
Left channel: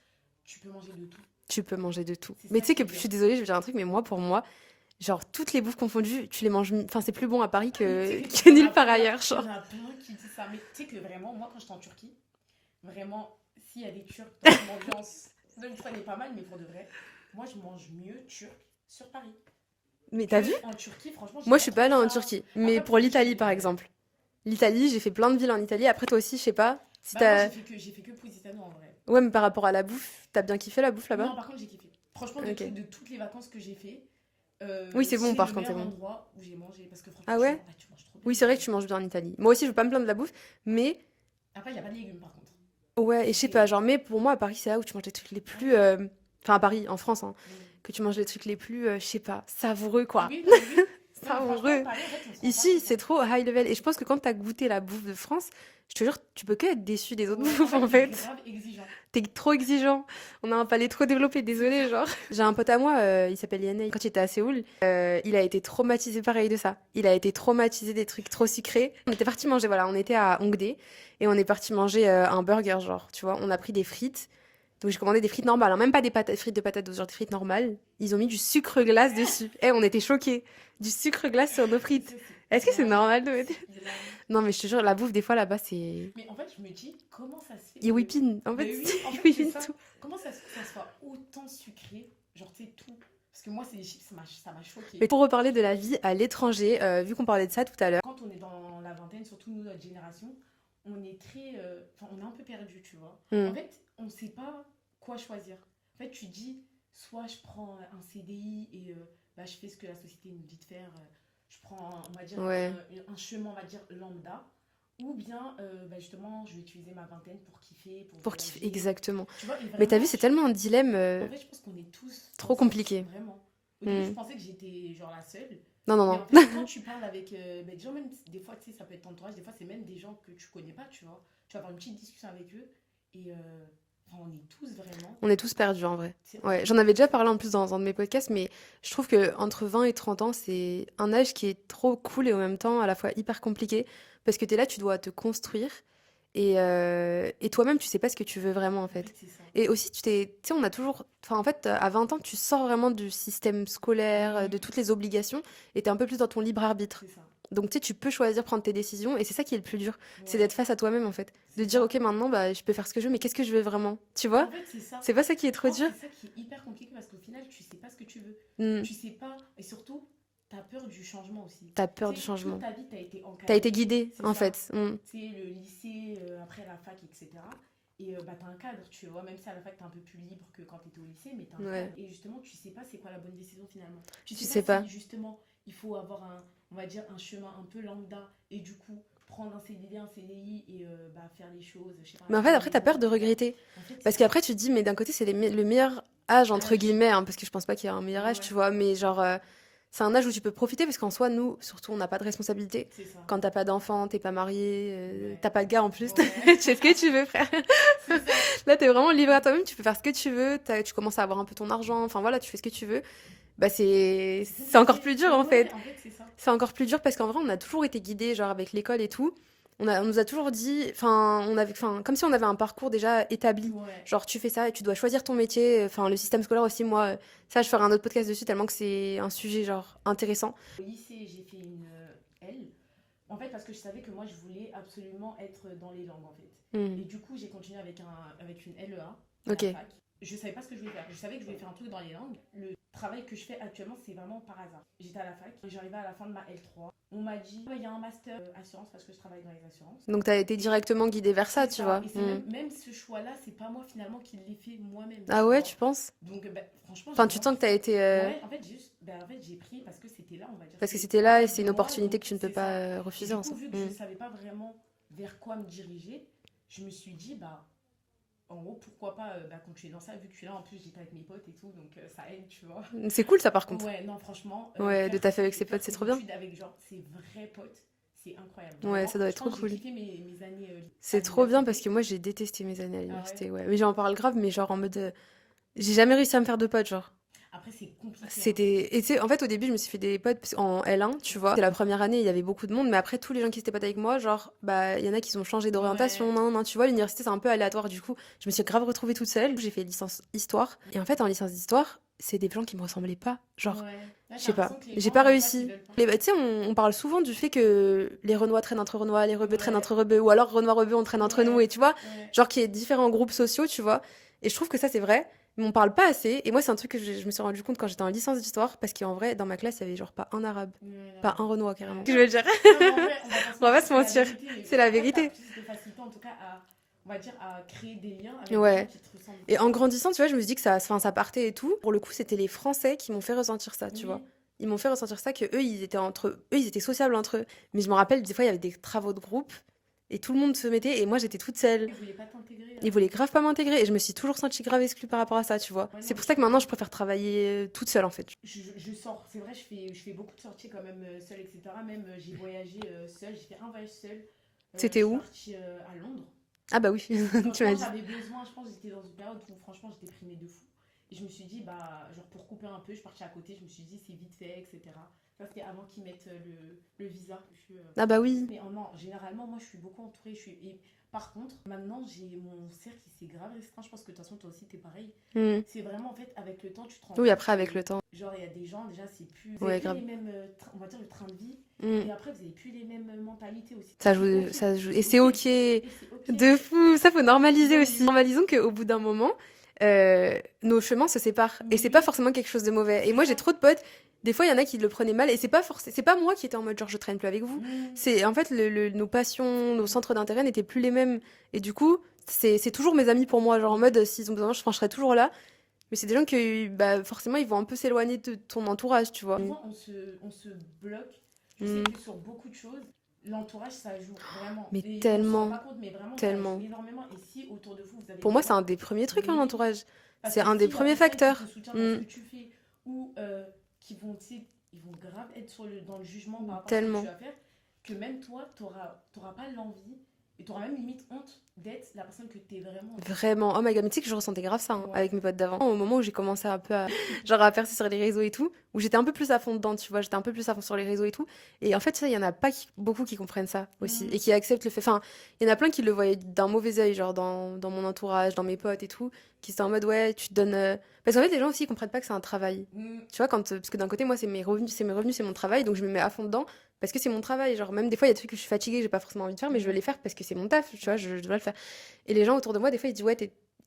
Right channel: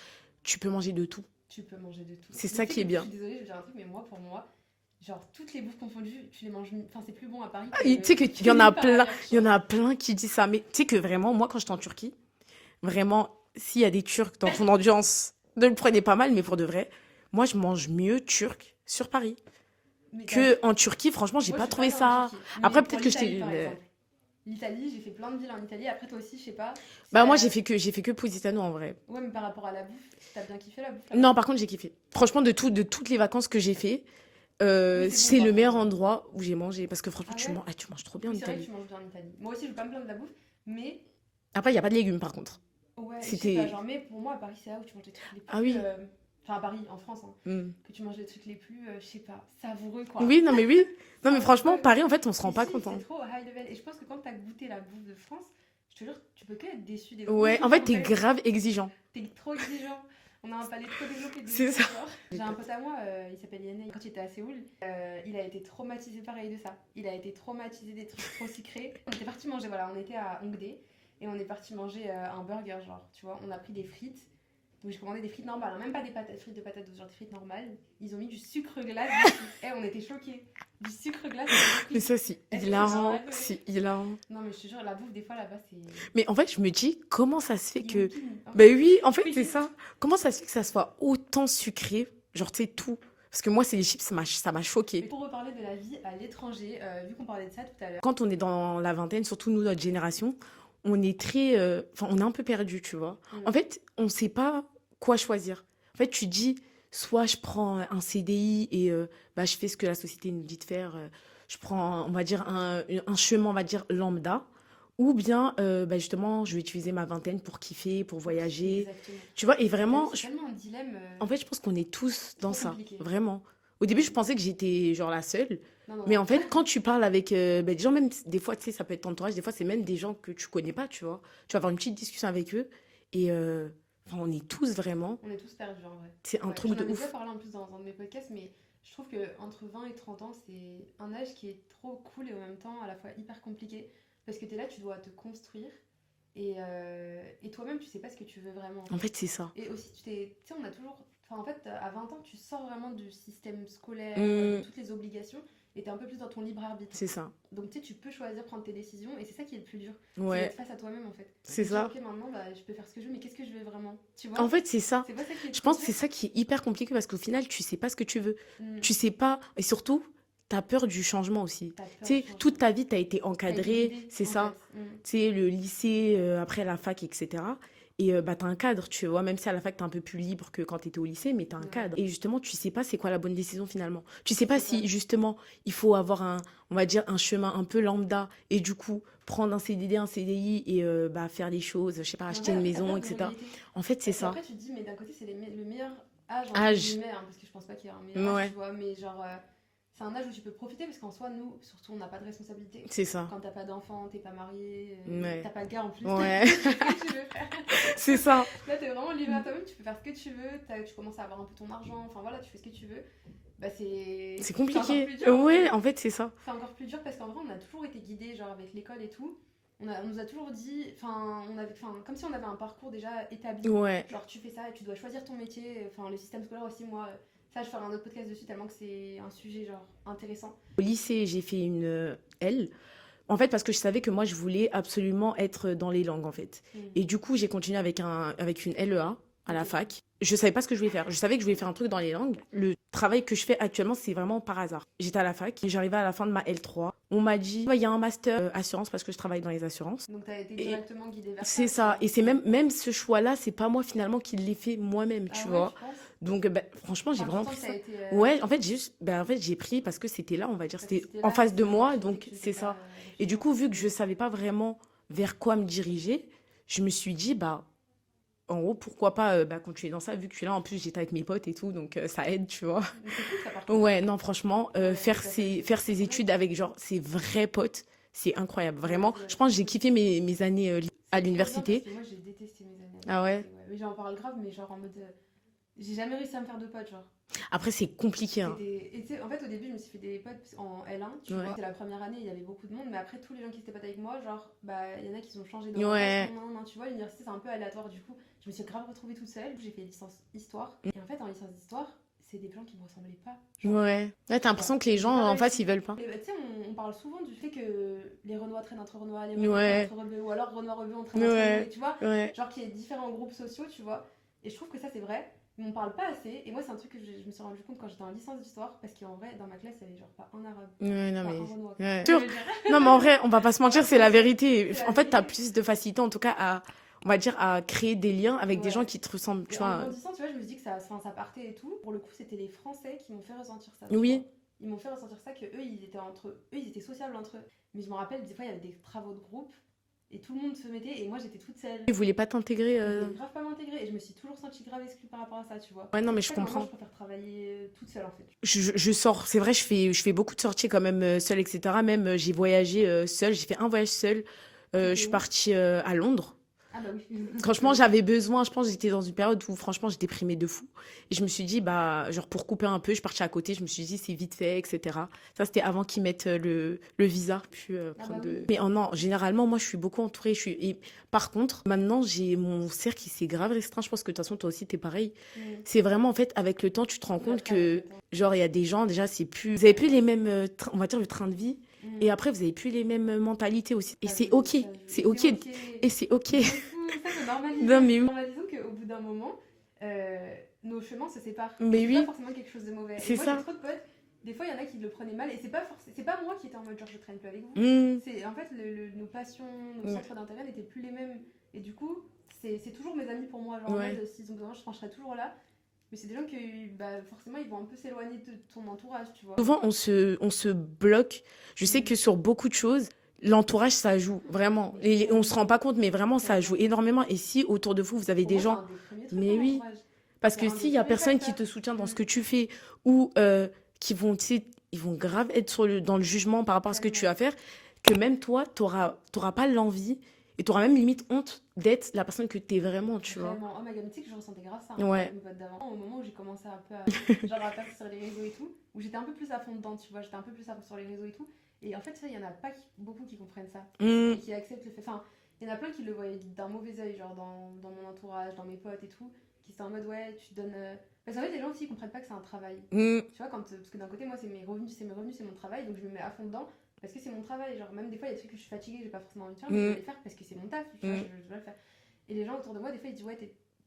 tu peux manger de tout. Tu peux manger de tout. C'est Mais ça tu sais qui est que bien. je suis désolée, je vais dire un truc, mais moi, pour moi, genre, toutes les bouffes confondues, tu les manges. Enfin, c'est plus bon à Paris que. Tu sais que que il y en a nulle part plein, ailleurs, il y en a plein qui disent ça. Mais tu sais que vraiment, moi, quand j'étais en Turquie, vraiment, s'il y a des Turcs dans ton audience, ne le prenez pas mal, mais pour de vrai, moi, je mange mieux turc sur Paris Mais t'as vu que en Turquie. Franchement, j'ai Moi, pas je suis trouvé pas allée ça. en Turquie. Mais Après, pour peut-être que l'Italie, j'étais par une- exemple. L'Italie, j'ai fait plein de villes en Italie. Après, toi aussi, je sais pas. si Bah, moi, t'as- j'ai fait que Positano en vrai. Ouais, mais par rapport à la bouffe, t'as bien kiffé la bouffe là-bas? Non, par contre, j'ai kiffé. Franchement, Ok. de toutes les vacances que j'ai fait, Oui, c'est bon, c'est par le contre, meilleur c'est bon. endroit où j'ai mangé. Parce que franchement, Ah ouais tu manges trop bien. Oui, en c'est vrai que Italie. tu manges bien en Italie. Moi aussi, je veux pas me plaindre de la bouffe, mais Après, il n'y a pas de légumes, par contre. ouais, et je sais C'était- pas, genre, mais pour moi, à Paris, c'est là où tu manges les trucs les Ah plus. oui. Enfin, à Paris, en France, hein, Mm. que tu manges les trucs les plus, je sais pas, savoureux, quoi. Oui, non, mais oui. Non, mais en franchement, vrai. Paris, en fait, on se rend pas Ici, compte. c'est trop high level. Et je pense que quand t'as goûté la bouffe de France, je te jure, tu peux que être déçu des autres Ouais, bouffes, en fait, t'es grave exigeant. T'es trop exigeant. On a un palais trop développé, désolé. ça. Genre. J'ai un pote à moi, il s'appelle Yann. Quand il était à Séoul, il a été traumatisé pareil de ça. Il a été traumatisé des trucs trop sucrés. On était parti manger, voilà, on était à Hongdae et on est parti manger un burger, genre, tu vois. On a pris des frites. Donc j'ai commandé des frites normales, hein, même pas des frites de patates douces, genre des frites normales. Ils ont mis du sucre glace dessus. Eh, on était choqués. Du sucre glace sur nos Mais frites. ça, c'est Est-ce que c'est hilarant. normal C'est hilarant. Non, mais je te jure, la bouffe, des fois, là-bas, c'est... Mais en fait, je me dis, comment ça se fait Ils que... whipping. Ben oui, en fait, ils c'est whipping ça. tout. Comment ça se fait que ça soit autant sucré? Genre, tu sais, tout. Parce que moi, c'est les chips, ça m'a choqué. Mais pour reparler de la vie à l'étranger, vu qu'on parlait de ça tout à l'heure, Quand on est dans la vingtaine, surtout nous, notre génération, on est très... Enfin, on est un peu perdu, tu vois. Mm. En fait, on ne sait pas quoi choisir. En fait, tu dis, soit je prends un CDI et bah, je fais ce que la société nous dit de faire. Je prends, on va dire, un chemin, on va dire, lambda. Ou bien, bah, justement, je vais utiliser ma vingtaine pour kiffer, pour voyager. Exactement. Tu vois, et Mais vraiment... t'as vu, c'est tellement un dilemme. En fait, je pense qu'on est tous dans trop ça, compliqué. vraiment. Au début, Mm. je pensais que j'étais genre la seule. Non, non, Mais non. en fait, quand tu parles avec des gens, même des fois, tu sais, ça peut être ton entourage, des fois, c'est même des gens que tu connais pas, tu vois. Tu vas avoir une petite discussion avec eux et enfin, on est tous vraiment. On est tous perdus en vrai. C'est un Ouais, truc j'en de avais ouf. déjà parlé en plus dans un de mes podcasts, mais je trouve que entre 20 et 30 ans, c'est un âge qui est trop cool et en même temps à la fois hyper compliqué parce que t'es là, tu dois te construire et toi-même, tu sais pas ce que tu veux vraiment en En fait. fait, c'est ça. Et aussi, tu sais, on a toujours. Enfin, en fait, à 20 ans, tu sors vraiment du système scolaire, de Mm. toutes les obligations, et t'es un peu plus dans ton libre arbitre. C'est ça. Donc, tu sais, tu peux choisir, prendre tes décisions, et c'est ça qui est le plus dur. C'est Ouais. d'être face à toi-même, en fait. C'est Se dire, ça. ok, maintenant, bah, je peux faire ce que je veux, mais qu'est-ce que je veux vraiment? Tu vois? En fait, c'est ça. C'est pas ça qui est Je trop pense que dur. c'est ça qui est hyper compliqué parce qu'au final, tu sais pas ce que tu veux. Mm. Tu sais pas. Et surtout, tu as peur du changement aussi. T'as peur Tu du sais, changement. toute ta vie, tu as été T'as encadré. été guidée, C'est en ça. fait. Mm. Tu sais, le lycée, après la fac, etc. Et bah, tu as un cadre, tu vois, même si à la fac, tu es un peu plus libre que quand tu étais au lycée, mais tu as un Ouais. cadre. Et justement, tu sais pas c'est quoi la bonne décision finalement. Tu sais Tu pas sais si, pas. justement, il faut avoir on va dire, un chemin un peu lambda et du coup, prendre un CDD, un CDI et bah, faire les choses, je sais pas, Mais en acheter fait, une après, t'as maison, peur de etc. regretter. En fait, c'est Parce ça. qu'après, tu te dis, mais d'un côté, c'est le meilleur âge, entre Âge. guillemets, hein, parce que je pense pas qu'il y a un meilleur âge, Ouais. tu vois, mais genre, c'est un âge où tu peux profiter, parce qu'en soi, nous, surtout, on n'a pas de responsabilité. C'est ça. Quand t'as pas d'enfant, t'es pas marié, Ouais. t'as pas de gars en plus, Ouais. tu fais ce que tu veux, frère. C'est ça. Là, t'es vraiment libre à toi-même, tu peux faire ce que tu veux, tu commences à avoir un peu ton argent, enfin voilà, tu fais ce que tu veux. Bah, c'est compliqué. c'est encore plus dur, en Ouais, fait. en fait, c'est ça. C'est encore plus dur parce qu'en vrai, on a toujours été guidés, genre avec l'école et tout. On nous a toujours dit, enfin, comme si on avait un parcours déjà établi. Ouais. Genre, tu fais ça et tu dois choisir ton métier. Enfin, le système scolaire aussi, moi, ça, je ferai un autre podcast dessus tellement que c'est un sujet, genre, intéressant. Au lycée, j'ai fait une L. En fait, parce que je savais que moi, je voulais absolument être dans les langues, en fait. Et du coup, j'ai continué avec une LEA à Ok. la fac. Je savais pas ce que je voulais faire. Je savais que je voulais faire un truc dans les langues. Le travail que je fais actuellement, c'est vraiment par hasard. J'étais à la fac et j'arrivais à la fin de ma L3. On m'a dit, il y a un master assurance parce que je travaille dans les assurances. Donc, t'as été directement guidée vers ça, C'est tu ça. vois. Et c'est même ce choix-là, c'est pas moi finalement qui l'ai fait moi-même. Ah tu ouais, vois. tu penses? Donc, ben, franchement, j'ai Enfin, tu vraiment sens que pris t'as ça. été. Ouais, en fait, j'ai pris parce que c'était là, on va dire. Parce que c'est c'était en là, face c'est de une moi. opportunité donc que tu ne peux c'est pas ça. refuser. Et du coup, vu que je Mm. savais pas vraiment vers quoi me diriger, je me suis dit, bah, en gros, pourquoi pas continuer dans ça, vu que je suis là. En plus, j'étais avec mes potes et tout, donc ça aide, tu vois. C'est cool, ça, par contre. Ouais, non, franchement, Ouais, faire que t'as fait avec ses, ses faire potes, c'est ses trop bien. études avec, genre, ses vrais potes, c'est incroyable. Ouais, Vraiment, ça doit être je pense que trop j'ai cool. kiffé mes années à C'est trop bien l'université. parce que moi, j'ai détesté mes années à Ah ouais l'université. Ouais. Mais j'en parle grave, mais genre en mode. J'ai jamais réussi à me faire de potes, genre. Après, c'est compliqué. Hein. C'était. Et tu sais, en fait, au début, je me suis fait des potes en L1, tu Ouais. vois. C'était la première année, il y avait beaucoup de monde, mais après, tous les gens qui étaient potes avec moi, genre, bah, il y en a qui ont changé d'orientation. Ouais. Non, tu vois, l'université, c'est un peu aléatoire. Du coup, je me suis grave retrouvée toute seule. J'ai fait licence histoire. Et en fait, en licence d'histoire, c'est des gens qui me ressemblaient pas. Genre, Ouais. Là, sais t'as l'impression pas. que les J'ai gens, pas en face, réussi. ils veulent pas. Tu sais, on parle souvent du fait que les Renois traînent entre Renois, les Rebeux Ouais. traînent entre Rebeux, ou alors Renois-Rebeux, on traîne entre Ouais. nous, et tu vois, Ouais. genre qu'il y ait différents groupes sociaux, tu vois. Et je trouve que ça, c'est vrai, mais on parle pas assez. Et moi, c'est un truc que je me suis rendu compte quand j'étais en licence d'histoire, parce qu'en vrai, dans ma classe, il y avait genre pas un arabe, Ouais, non, pas mais- un Renois. Ouais. carrément. Tu veux dire Non, mais en vrai, on va pas se On va mentir, pas se c'est la mentir. vérité. C'est la En fait, t'as vérité. plus de facilité, en tout cas, à, on va dire, à créer des liens avec Ouais. des gens qui te ressemblent. Et tu en vois. grandissant, tu vois, je me suis dit que ça partait et tout. Pour le coup, c'était les Français qui m'ont fait ressentir ça, tu Oui. vois. Ils m'ont fait ressentir ça, que eux, ils étaient sociables entre eux. Mais je me rappelle, des fois, il y avait des travaux de groupe. Et tout le monde se mettait, et moi j'étais toute seule. Ils voulaient pas t'intégrer. Ils voulaient grave pas m'intégrer, et je me suis toujours sentie grave exclue par rapport à ça, tu vois. Ouais, non, C'est mais pour je ça que maintenant comprends. je préfère travailler toute seule en fait. Je sors, c'est vrai, je fais beaucoup de sorties quand même seule, etc. Même j'ai voyagé seule, j'ai fait un voyage seul. Je C'était suis où? partie à Londres. Ah bah oui. Franchement, j'avais besoin, je pense que j'étais dans une période où franchement j'étais déprimée de fou. Et je me suis dit, bah, genre pour couper un peu, je suis partie à côté, je me suis dit c'est vite fait, etc. Ça, c'était avant qu'ils mettent le visa. Puis, Ah bah oui. Mais non, généralement, moi je suis beaucoup entourée. Et par contre, maintenant, j'ai mon cercle qui s'est grave restreint. Je pense que de toute façon, toi aussi, t'es pareil. Mm. C'est vraiment, en fait, avec le temps, tu te rends Oui, compte après avec que, le temps. genre, il y a des gens, déjà, c'est plus. Vous Ouais, avez plus grave. les mêmes, on va dire, le train de vie. Mm. Et après, vous avez plus les mêmes mentalités aussi. Ça Et c'est joue- ok. ça joue- C'est Et c'est ok. ok. Et c'est ok. De fou, ça faut normaliser Non, mais aussi. oui. Normalisons qu'au bout d'un moment, nos chemins se séparent. Mais Et c'est oui. pas forcément quelque chose de mauvais. Et C'est moi, ça. j'ai trop de potes. Des fois, il y en a qui le prenaient mal. Et c'est pas moi qui étais en mode genre je traîne plus avec vous. Mm. C'est en fait nos passions, nos Ouais. centres d'intérêt n'étaient plus les mêmes. Et du coup, c'est toujours mes amis pour moi. Genre en Ouais. mode s'ils ont besoin, je serai toujours là. Mais c'est des gens que bah, forcément ils vont un peu s'éloigner de ton entourage, tu vois. Souvent, on se bloque. Je sais Mm. que sur beaucoup de choses, l'entourage, ça joue vraiment. Mais Et on se rend tellement, pas compte, mais vraiment, ça joue tellement. énormément. Et si autour de vous, vous avez Pour des moi, c'est gens. un des premiers trucs, Mais hein, oui. l'entourage. Parce C'est que un des s'il y a premiers personne facteurs. qui te soutient dans ce Mm. que tu fais, ou qui vont, tu sais, ils vont grave être dans le jugement par rapport à ce que tu Tellement. vas faire, que même toi, t'auras pas l'envie et t'auras même limite honte d'être la personne que t'es vraiment, tu vois. Vraiment, oh my god, mais tu sais que je ressentais grave ça hein, Ouais. avec mes potes d'avant. Au moment où j'ai commencé un peu à, genre, à percer sur les réseaux et tout, où j'étais un peu plus à fond dedans, tu vois, j'étais un peu plus à fond sur les réseaux et tout. Et en fait, ça, il y en a pas beaucoup qui comprennent ça aussi Mm. et qui acceptent le fait. Enfin, il y en a plein qui le voyaient d'un mauvais œil, genre dans mon entourage, dans mes potes et tout, qui étaient en mode ouais, tu te donnes. Parce qu'en fait, les gens aussi ils comprennent pas que c'est un travail. Mm. Tu vois, parce que d'un côté, moi, c'est mes revenus, c'est mon travail, donc je me mets à fond dedans parce que c'est mon travail. Genre, même des fois, il y a des trucs que je suis fatiguée, j'ai pas forcément envie de faire, mais je veux les faire parce que c'est mon taf, tu vois, je dois le faire. Et les gens autour de moi, des fois, ils disent ouais,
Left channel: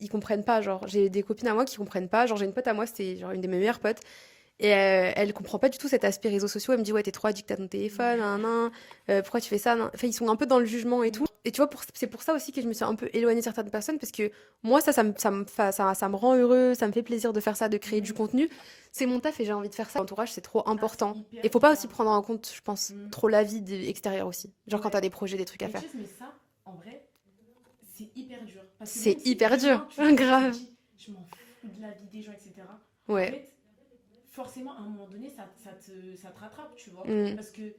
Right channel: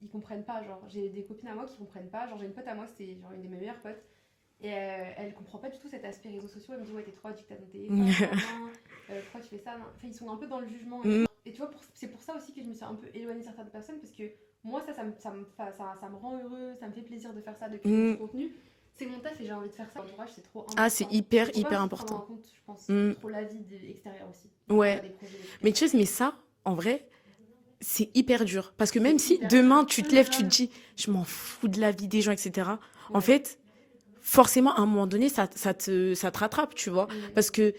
ils comprennent pas. Genre, j'ai des copines à moi qui comprennent pas. Genre, j'ai une pote à moi, c'était genre une de mes meilleures potes. Et elle comprend pas du tout cet aspect réseaux sociaux. Elle me dit ouais, t'es trop addict à ton téléphone, nan, nan, pourquoi tu fais ça nan. Enfin, ils sont un peu dans le jugement et tout. Et tu vois, c'est pour ça aussi que je me suis un peu éloignée de certaines personnes parce que moi, ça me rend heureux, ça me fait plaisir de faire ça, de créer du contenu. C'est mon taf et j'ai envie de faire ça. L'entourage, c'est trop important. Ah, c'est hyper, Il faut pas hyper aussi prendre important. en compte, je pense, Mm. trop la vie extérieure aussi. Genre Ouais. quand t'as des projets, des trucs à Mais faire. tu sais, mais ça, en vrai, c'est hyper dur. Parce que C'est même si hyper demain dur. tu te lèves, tu te Grave. dis, je m'en fous de la vie des gens, etc. En Ouais. fait, forcément, à un moment donné, ça te rattrape, tu vois. Mm. Parce que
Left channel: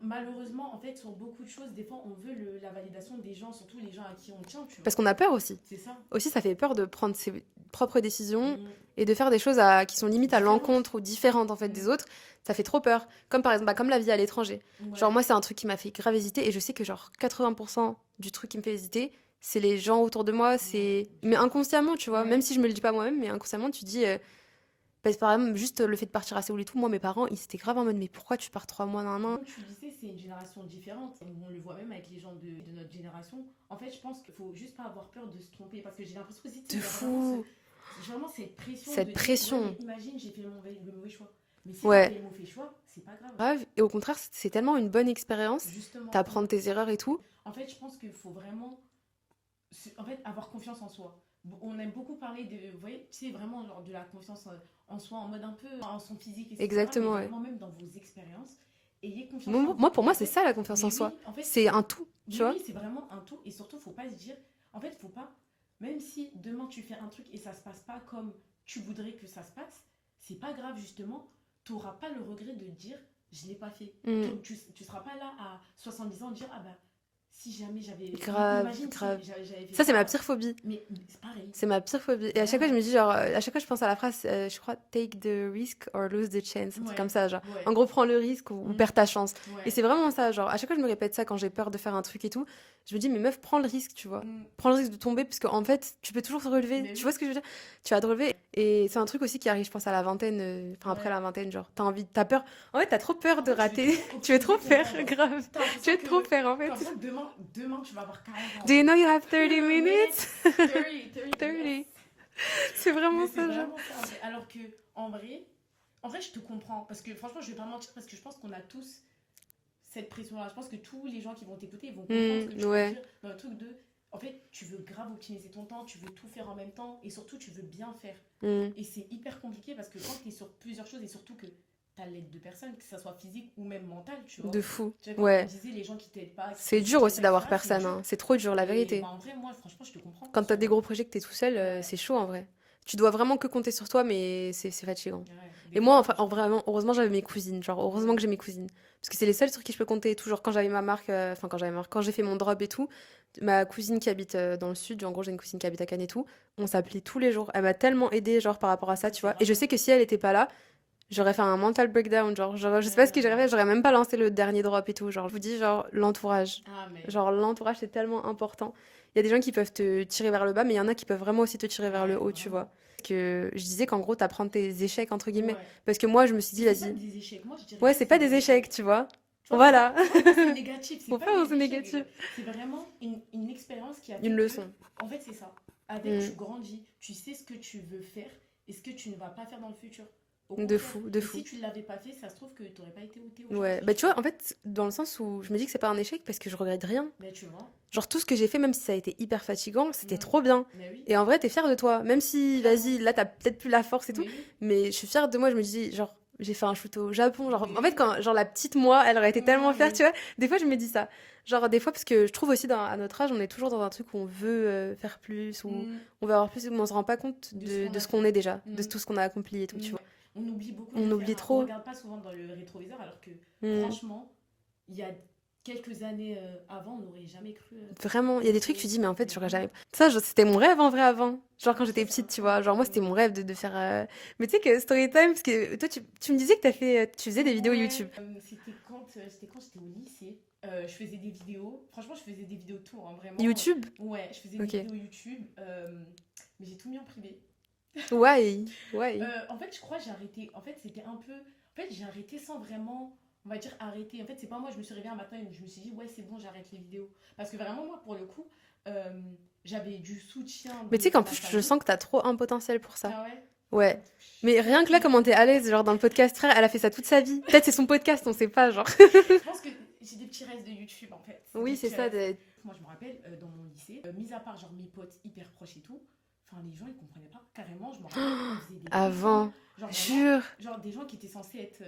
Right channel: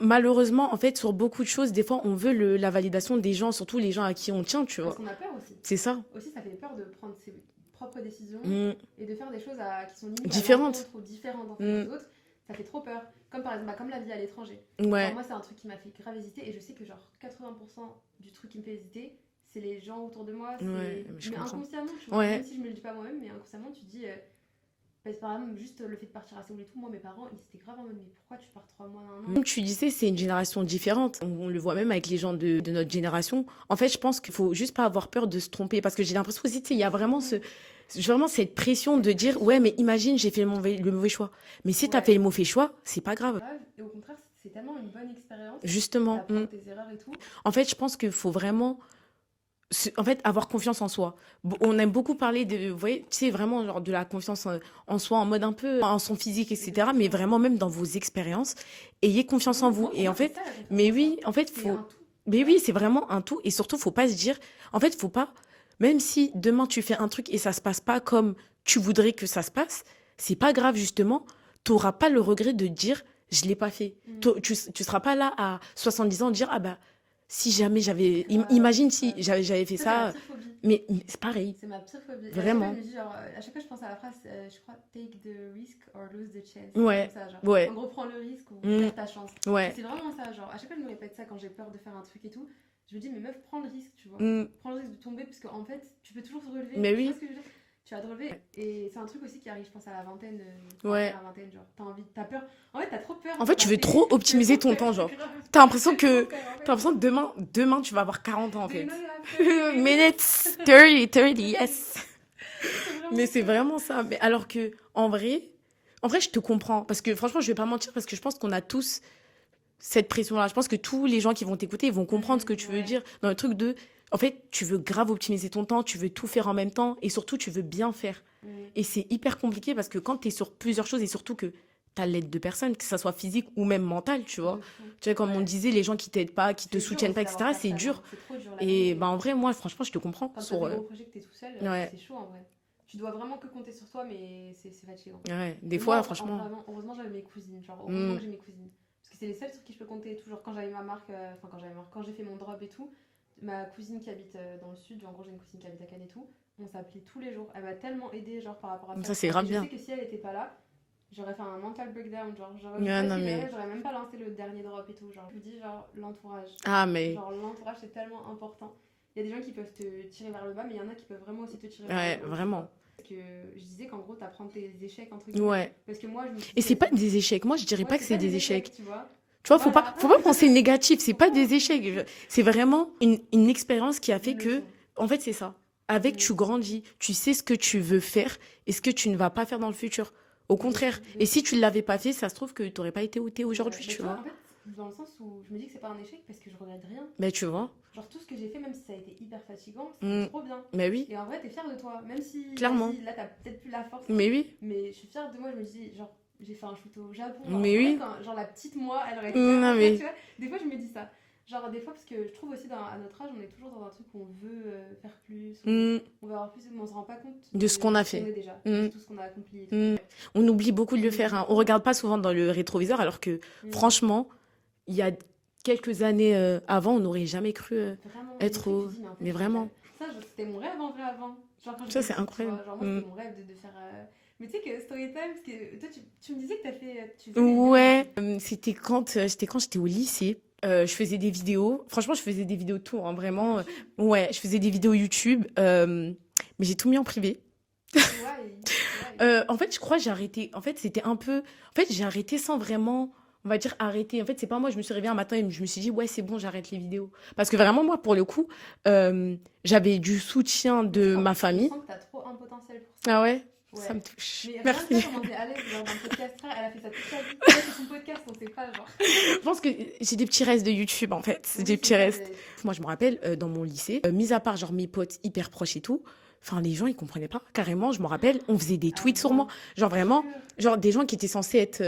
malheureusement, en fait, sur beaucoup de choses, des fois, on veut la validation des gens, surtout les gens à qui on tient, tu vois. Parce qu'on a peur aussi. C'est ça. Aussi, ça fait peur de prendre ses propres décisions Mm. et de faire des choses qui sont limite à Différentes. l'encontre ou différentes en fait des autres. Ça fait trop peur. Comme par exemple, comme la vie à l'étranger. Ouais. Genre moi, c'est un truc qui m'a fait grave hésiter et je sais que genre 80% du truc qui me fait hésiter, c'est les gens autour de moi. Ouais, je mais comprends. inconsciemment, tu vois. Ouais. Même si je me le dis pas moi-même, mais inconsciemment, tu dis. Parce que par exemple, juste le fait de partir à Séoul et tout, moi, mes parents, ils étaient grave en mode, mais pourquoi tu pars 3 mois, nan, nan. Comme tu disais, c'est une génération différente. On le voit même avec les gens de notre génération. En fait, je pense qu'il faut juste pas avoir peur de se tromper. Parce que j'ai l'impression aussi, tu sais, il y a vraiment vraiment cette pression Cette de dire, pression. ouais, mais imagine, j'ai fait le mauvais choix. Mais si tu as Ouais. fait le mauvais choix, c'est pas grave. Grave. Et au contraire, c'est tellement une bonne expérience. Justement. T'apprends tes erreurs et tout. En fait, je pense qu'il faut vraiment en fait, avoir confiance en soi. On aime beaucoup parler de, vous voyez, tu sais, vraiment genre de la confiance en soi, en mode un peu en son physique, etc. Exactement, mais ouais. vraiment même dans vos expériences. Ayez confiance en vous. Moi, pour Et moi, en c'est fait, ça la confiance mais en soi. oui, en fait, C'est un tout. Mais tu oui, vois. c'est vraiment un tout. Et surtout, faut pas se dire. En fait, faut pas. Même si demain tu fais un truc et ça se passe pas comme tu voudrais que ça se passe, c'est pas grave, justement. Tu n'auras pas le regret de dire je l'ai pas fait. Mm. Tu seras pas là à 70 ans dire ah bah si jamais j'avais. Grave, Imagine grave. si j'avais fait Ça, ça. c'est ma pire phobie. Mais c'est pareil. C'est ma pire phobie. Et à chaque fois, Vraiment. je me dis, genre, à chaque fois, je pense à la phrase, je crois, take the risk or lose the chance. Ouais. C'est comme ça, genre. Ouais. En gros, prends le risque ou perds ta chance. Ouais. Et c'est vraiment ça, genre, à chaque fois, je me répète ça quand j'ai peur de faire un truc et tout. Je me dis, mais meuf, prends le risque, tu vois. Mm. Prends le risque de tomber, parce qu'en fait, tu peux toujours se relever. Mais tu oui. vois ce que je veux dire? Tu vas te relever. Et c'est un truc aussi qui arrive, je pense, à la vingtaine, enfin, Ouais. après la vingtaine, genre, t'as peur. En fait, t'as trop peur. En de fait, tu veux rater. trop optimiser Tu ton veux trop temps, faire, genre. grave. T'as l'impression Tu veux que. trop faire, en fait. T'as l'impression que demain, tu vas avoir 40 ans. en Do you fait. know you have 30 minutes? 30, yes. C'est vraiment Mais ça. c'est vraiment ça. Mais alors que, en vrai, je te comprends. Parce que franchement, je vais pas mentir, parce que je pense qu'on a tous cette pression-là. Je pense que tous les gens qui vont t'écouter, ils vont comprendre ce que tu ouais. veux dire dans le truc de. En fait, tu veux grave optimiser ton temps, tu veux tout faire en même temps et surtout, tu veux bien faire. Mm. Et c'est hyper compliqué parce que quand tu es sur plusieurs choses et surtout que t'as l'aide de personne, que ça soit physique ou même mentale, tu vois. De fou. Tu vois, comme Ouais. on disait, les gens qui t'aident pas, qui te C'est dur soutiennent aussi pas, d'avoir etc., c'est personne. dur. Hein. C'est trop dur, la Et vérité. bah, en vrai, moi, franchement, je te comprends. Quand t'as sur, des gros projets que t'es tout seul, ouais. c'est chaud en vrai. Tu dois vraiment que compter sur toi, mais c'est fatigant. Ouais, des Et fois, moi, franchement. vraiment, heureusement, j'avais mes cousines. Genre, heureusement Mm. que j'ai mes cousines. Parce que c'est les seuls sur qui je peux compter. Toujours quand j'avais ma marque, quand j'ai fait mon drop et tout, ma cousine qui habite dans le sud, en gros, j'ai une cousine qui habite à Cannes et tout, on s'appelait tous les jours. Elle m'a tellement aidée, genre, par rapport à ça, Ça, tu c'est vois. grave Et je bien. sais que si elle était pas là, j'aurais fait un mental breakdown. Genre, je sais Ouais, pas ce non, que j'aurais mais- fait, j'aurais même pas lancé le dernier drop et tout. Genre, je vous dis, genre, l'entourage. Ah, mais. Genre, l'entourage, c'est tellement important. Il y a des gens qui peuvent te tirer vers le bas, mais il y en a qui peuvent vraiment aussi te tirer vers Ouais, le haut, tu vraiment. vois. Que je disais qu'en gros, t'apprends tes échecs, entre guillemets. Ouais. Parce que moi, je me suis Et dit, c'est pas vas-y. des échecs. Moi, je dirais Ouais, pas que c'est pas des échecs, tu vois. Tu vois, Voilà. faut pas penser négatif. C'est Faut pas pas des penser échecs. négatif. C'est vraiment une expérience qui a fait Une que. leçon. En fait, c'est ça. Avec, Mm. tu grandis. Tu sais ce que tu veux faire et ce que tu ne vas pas faire dans le futur. Au De contraire. fou, de Et fou. si tu ne l'avais pas fait, ça se trouve que tu n'aurais pas été où tu es aujourd'hui. Ouais. Bah, tu vois, en fait, dans le sens où je me dis que c'est pas un échec parce que je regrette rien. Mais tu vois. Genre, tout ce que j'ai fait, même si ça a été hyper fatigant, c'était Mm. trop bien. Mais oui. Et en vrai, t'es fière de toi. Même si, Clairement. vas-y, là, t'as peut-être plus la force et tout. Mais oui. Mais je suis fière de moi. Je me dis, genre, j'ai fait un shoot au Japon. Genre, Mais en oui. fait, quand genre, la petite moi, elle aurait été Non, tellement fière, mais- tu vois. Des fois, je me dis ça. Genre, des fois, parce que je trouve aussi, à notre âge, on est toujours dans un truc où on veut faire plus, où Mm. on veut avoir plus, mais on se rend pas compte De ce qu'on a ce qu'on fait. est déjà, de Mm. tout ce qu'on a accompli et tout, Mm. tu vois. On oublie beaucoup de On le faire. oublie Hein. trop. On regarde pas souvent dans le rétroviseur alors que, Mm. franchement, il y a quelques années avant, on n'aurait jamais cru. Vraiment, il y a des être trucs, au- tu dis, mais en fait, mais j'aurais vraiment. jamais. Ça, c'était mon rêve en vrai avant. Genre quand Ça, j'étais c'est petite, tu vois. incroyable. Genre moi, c'était Mm. mon rêve de faire. Mais tu sais que Storytime, parce que toi, tu me disais que tu faisais des vidéos Ouais, YouTube. c'était quand j'étais au lycée. Je faisais des vidéos. Franchement, je faisais des vidéos de tout, hein, vraiment. YouTube Ouais, je faisais des Ok. vidéos YouTube. Mais j'ai tout mis en privé. Ouais. En fait, je crois que j'ai arrêté. En fait, c'était un peu. En fait, j'ai arrêté sans vraiment. On va dire arrêter. En fait, c'est pas moi, je me suis réveillée un matin et je me suis dit, ouais, c'est bon, j'arrête les vidéos. Parce que vraiment, moi, pour le coup, j'avais du soutien Mais tu sais de qu'en ma plus, je famille. sens que t'as trop un potentiel pour ça. Ah ouais? Ouais. Ça me touche. Mais rien que là, Merci. comment t'es à l'aise, genre dans le podcast, frère, elle a fait ça toute sa vie. Peut-être c'est son podcast, on sait pas, genre. Je pense que j'ai des petits restes de YouTube, en fait. C'est Oui, des c'est petits ça, restes. Moi, je me rappelle, dans mon lycée, mis à part genre mes potes hyper proches et tout, enfin, les gens, ils comprenaient pas. Carrément, je me rappelle, on faisait des tweets sur moi. Avant. Genre vraiment, Jure. genre des gens qui étaient censés être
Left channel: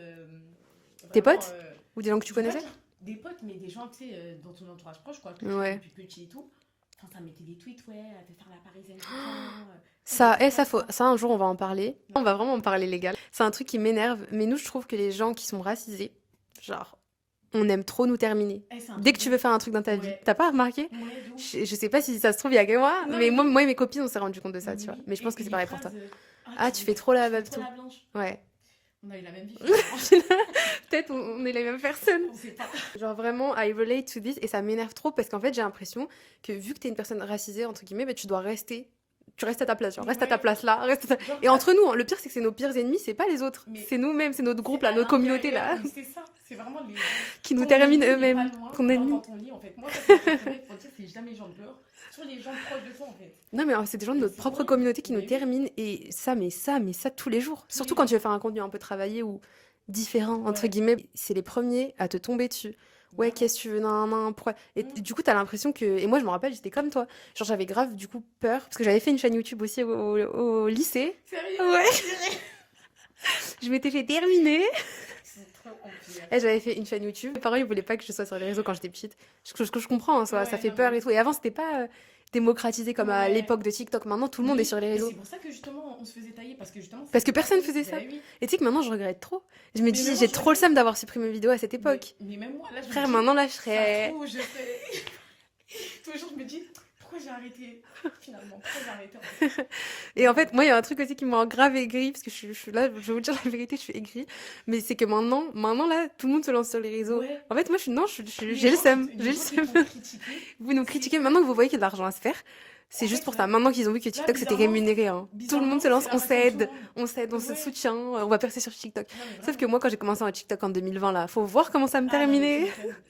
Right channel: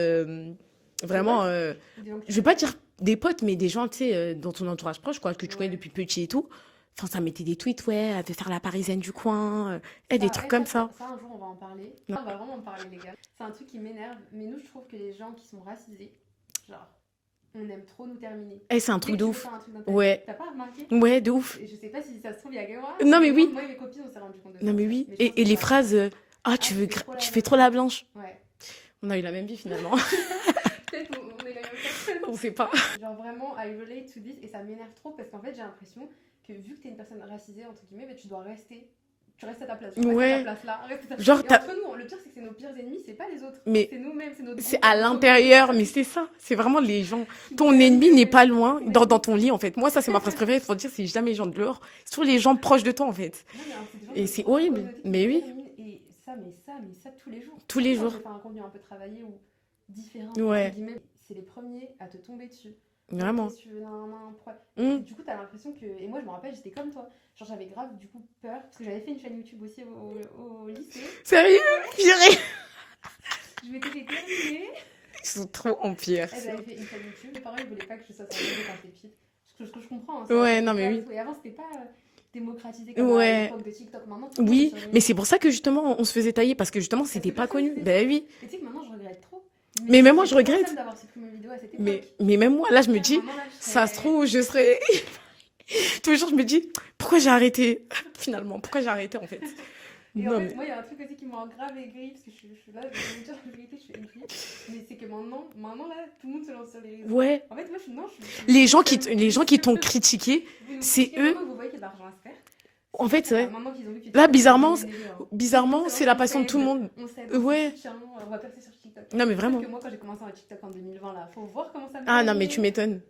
vraiment. potes Ou des gens que tu Je veux pas connaissais dire des potes, mais des gens, tu sais, dans ton entourage proche, quoi, que tu connais Ouais. depuis petit et tout. Enfin, ça mettait des tweets, ouais, elle veut faire la parisienne du coin. Ça, des trucs comme ça. ça, un jour, on va en parler. Non. On va vraiment en parler, les gars. C'est un truc qui m'énerve. Mais nous, je trouve que les gens qui sont racisés, genre, on aime trop nous terminer. C'est un Dès truc que de tu veux ouf. faire un truc dans ta Ouais. vie, t'as pas remarqué? Ouais, de ouf. Je sais pas si ça se trouve, il y a que moi. Non, mais moi, oui. moi et mes copines, on s'est rendu compte de ça. Non, mais tu vois. oui. Mais je pense que Et tu les vas phrases, arrêter tu fais trop la tu fais bête. trop la blanche. ça. Ouais. On a eu la même vie finalement. Peut-être on est les mêmes personnes. On sait pas. Genre vraiment, I relate to this. Et ça m'énerve trop parce qu'en fait, j'ai l'impression que vu que t'es une personne racisée, entre guillemets, bah, tu dois rester. Tu restes à ta place. Genre, reste à Ouais. ta place là. Reste à ta... Genre, Et entre nous, hein, le pire, c'est que c'est nos pires ennemis, c'est pas les autres. Mais C'est nous-mêmes, c'est notre groupe. c'est à notre communauté, l'intérieur, là, mais c'est ça. C'est vraiment les gens. qui nous Ton terminent ennemi n'est eux-mêmes. pas loin, Ton dans ennemi. ton lit en fait. Moi, ça, c'est ma phrase préférée pour dire c'est jamais les gens de dehors. C'est toujours les gens proches de toi en fait. Non, mais c'est des gens de Et notre c'est propre horrible. communauté qui Mais nous oui. terminent. Et ça, tous les jours. Tous Surtout les quand jours. tu veux faire un contenu un peu travaillé ou différent, entre Ouais. guillemets, c'est les premiers à te tomber dessus. Ouais, Vraiment. qu'est-ce que tu veux, nan, pourquoi? Et Mm. du coup, t'as l'impression que. Et moi, je me rappelle, j'étais comme toi. Genre, j'avais grave, du coup, peur. Parce que j'avais fait une chaîne YouTube aussi au lycée. Sérieux? Ouais. Je m'étais fait terminer. Ils sont trop en pire. Et j'avais fait une chaîne YouTube. Mes parents, ils voulaient pas que je sois sur les réseaux quand j'étais petite. Je comprends, hein, ça Ouais, fait non, mais peur oui. et tout. Et avant, c'était pas démocratisé comme à Ouais. l'époque de TikTok. Maintenant, tout le monde est Oui, sur les réseaux. mais c'est pour ça que justement on se faisait tailler parce que justement Parce c'était que pas personne connu. faisait Ben ça. oui. Et tu sais que maintenant, je regrette trop. Je me Mais dis, même moi, j'ai je trop le regrette. seum d'avoir supprimé mes vidéos à cette époque. Mais même moi là je me Frère, dis maintenant, là, je serais... ça se trouve je serais tous les jours je me dis pourquoi j'ai arrêté finalement pourquoi j'ai arrêté en fait. Et en Non, fait, moi, il y a un truc aussi qui m'a grave aigri, parce que je suis là, je vais vous dire la vérité, je suis aigrie. Mais c'est que maintenant, là, tout le monde se lance sur les réseaux. ouais. En fait, moi, je suis Les j'ai gens le qui seum, les j'ai le gens qui seum. t'ont critiqué Vous nous c'est critiquez eux. maintenant que vous voyez qu'il y a de l'argent à se faire. C'est En juste fait, pour ça. ouais. Maintenant qu'ils ont vu que Là, TikTok était bizarrement, rémunéré. Hein. bizarrement Tout le monde se c'est la lance, passion de tout le monde. On s'aide, on Ouais. se soutient, on va percer sur TikTok. Non mais Sauf vraiment. que moi, quand j'ai commencé en TikTok en 2020, là, faut voir comment ça me Ah non terminait. mais tu m'étonnes.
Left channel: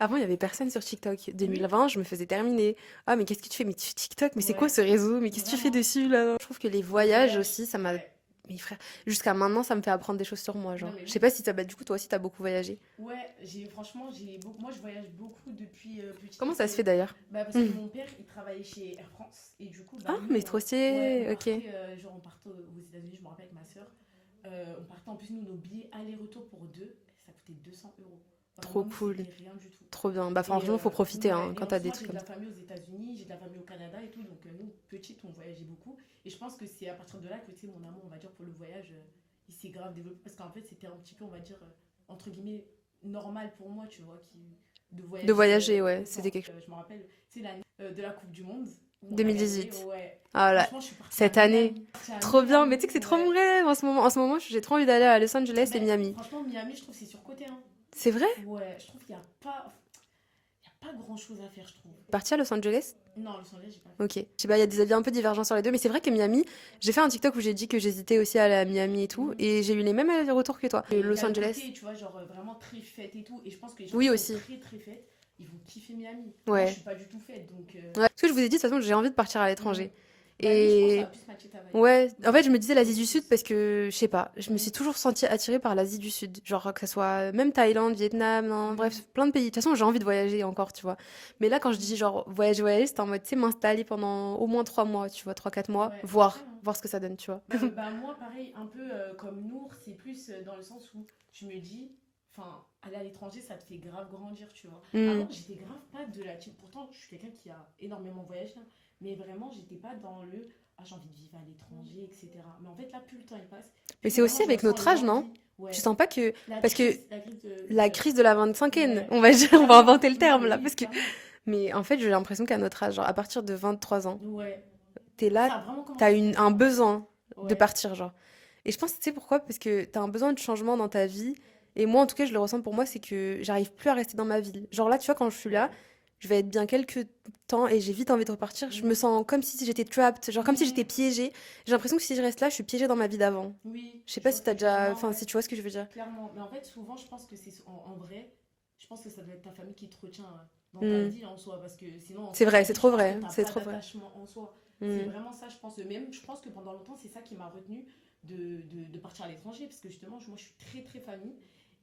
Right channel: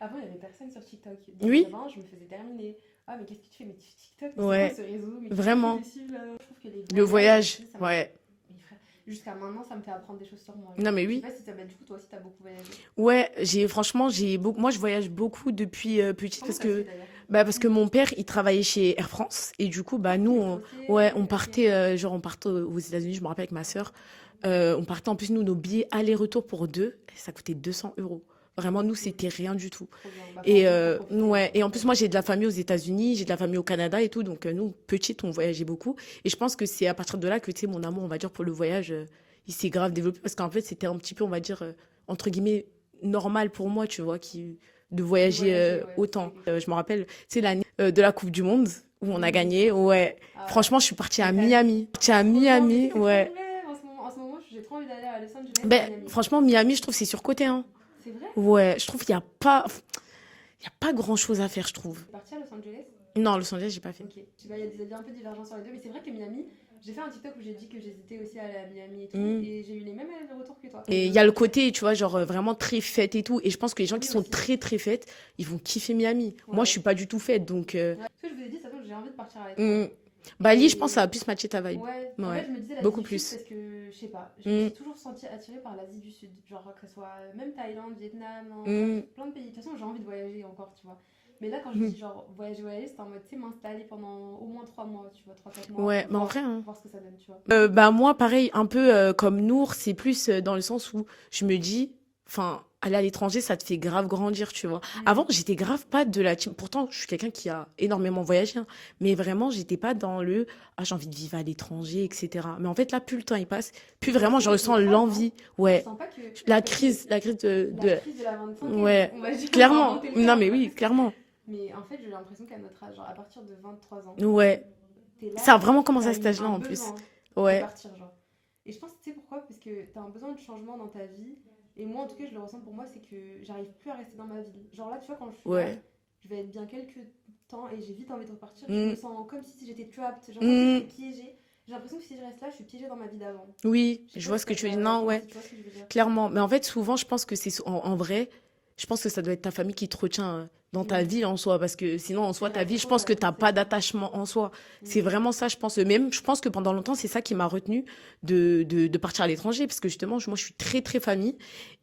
Avant, il y avait personne sur TikTok. 2020, je me faisais terminer. Ah, mais qu'est-ce que tu fais? Mais tu fais TikTok? Mais c'est Ouais. quoi ce réseau? Mais qu'est-ce que tu Vraiment. fais dessus, là? Je trouve que les Le voyages aussi, ça m'a... ouais. Mais frère, jusqu'à maintenant, ça me fait apprendre des choses sur moi. Genre. Non, mais Je sais oui. pas si t'as... Bah, du coup, toi aussi, t'as beaucoup voyagé. Ouais, franchement, moi je voyage beaucoup depuis petite Comment parce ça se que fait d'ailleurs? parce que Mhm. mon père, il travaillait chez Air France et du coup bah Oh, nous mais on, trop stylé, ouais, on ok. partait genre on partait aux États-Unis, je me rappelle avec ma sœur. On partait en plus, nous, nos billets aller-retour pour deux, ça coûtait 200 €. Vraiment, Trop nous, cool. c'était rien du tout. Trop bien. Bah, Et, franchement, faut profiter. ouais, hein, et quand en t'as plus, moi, des- j'ai de la famille aux États-Unis, j'ai de la famille au Canada et tout. Donc, nous, petites, on voyageait beaucoup. Et je pense que c'est à partir de là que, tu sais, mon amour, on va dire, pour le voyage, il s'est grave développé. Parce qu'en fait, c'était un petit peu, on va dire, entre guillemets, normal pour moi, tu vois, de voyager, voyager, ouais, autant. c'était quelque chose. Je me rappelle, c'est l'année de la Coupe du Monde où on a 2018. gagné. Ouais. Ah là, Franchement, je suis partie à cette année. Miami. Partie à trop bien. Mais tu sais Miami, que c'est ouais. trop vrai en ce moment, j'ai trop envie d'aller à Los Angeles Ben, et Miami. franchement, Miami, je trouve que c'est surcoté, hein. C'est vrai? Ouais, je trouve qu'il n'y a pas... Il y a pas grand-chose à faire, je trouve. Parti à Los Angeles? Non, Los Angeles, j'ai pas fait. Ok. Je sais pas, il y a des avis un peu divergents sur les deux, mais c'est vrai que Miami, j'ai fait un TikTok où j'ai dit que j'hésitais aussi à aller à Miami et tout, Mm. et j'ai eu les mêmes retours que toi. Et il Los y a le Angeles. côté, tu vois, genre vraiment très fête et tout. Et je pense que les gens Oui, qui sont aussi. très très fêtes, ils vont kiffer Miami. Ouais. Moi, je suis pas du tout fête, donc... Ouais. Parce que je vous ai dit, de toute façon, j'ai envie de partir à l'étranger. Bali, je Et- pense que ça va plus matcher ta vibe. Ouais, en Ouais. fait, je me disais l'Asie Beaucoup du plus. Sud parce que, je sais pas, je me Mm. suis toujours sentie attirée par l'Asie du Sud. Genre, que ce soit même Thaïlande, Vietnam, non, Mm. bref, plein de pays. De toute façon, j'ai envie de voyager encore, tu vois. Mais là, quand je dis genre voyager, c'est en mode, tu sais, m'installer pendant au moins 3 mois, tu vois, 3-4 mois, Ouais, mais voir, après, hein. voir ce que ça donne, tu vois. Bah moi, pareil, un peu comme Nour, c'est plus dans le sens où je me dis, enfin, aller à l'étranger, ça te fait grave grandir, tu vois. Mm. Avant, j'étais grave pas de la team. Pourtant, je suis quelqu'un qui a énormément voyagé, hein. Mais vraiment, j'étais pas dans le ah, j'ai envie de vivre à l'étranger, etc. Mais en fait, là, plus le temps il passe, plus Mais c'est vraiment aussi je avec ressens notre âge, non? l'envie. Je Ouais. sens pas que La parce que crise, la crise de. la crise de la 25e, Ouais. on va dire, on va Clairement. inventer le Non, terme mais là, oui, parce que- clairement. Mais en fait, j'ai l'impression qu'à notre âge, genre à partir de 23 ans, Ouais. t'es là, Ça a vraiment commencé t'as à cet âge-là, un en plus. besoin de Ouais. partir, genre. Et je pense, tu sais pourquoi? Parce que t'as un besoin de changement dans ta vie. Et moi, en tout cas, je le ressens pour moi, c'est que j'arrive plus à rester dans ma ville. Genre là, tu vois, quand je suis là, Ouais. je vais être bien quelques temps et j'ai vite envie de repartir. Je Mm. me sens comme si j'étais trapped, genre comme si Mm. j'étais piégée. J'ai l'impression que si je reste là, je suis piégée dans ma vie d'avant. Oui, Je sais je pas vois si ce que t'as tu veux dire. déjà... Non, enfin, ouais. si tu vois ce que je veux dire. Clairement. Mais en fait, souvent, je pense que c'est en vrai, je pense que ça doit être ta famille qui te retient dans ta Mm. vie en soi. Parce que sinon, en C'est soi, vrai, ta c'est vie, je trop pense vrai, que t'as c'est pas trop vrai. d'attachement en soi. C'est Mm. vraiment ça, je pense. Même, je pense que pendant longtemps, c'est ça qui m'a retenue de partir à l'étranger. Parce que justement, moi, je suis très, très famille.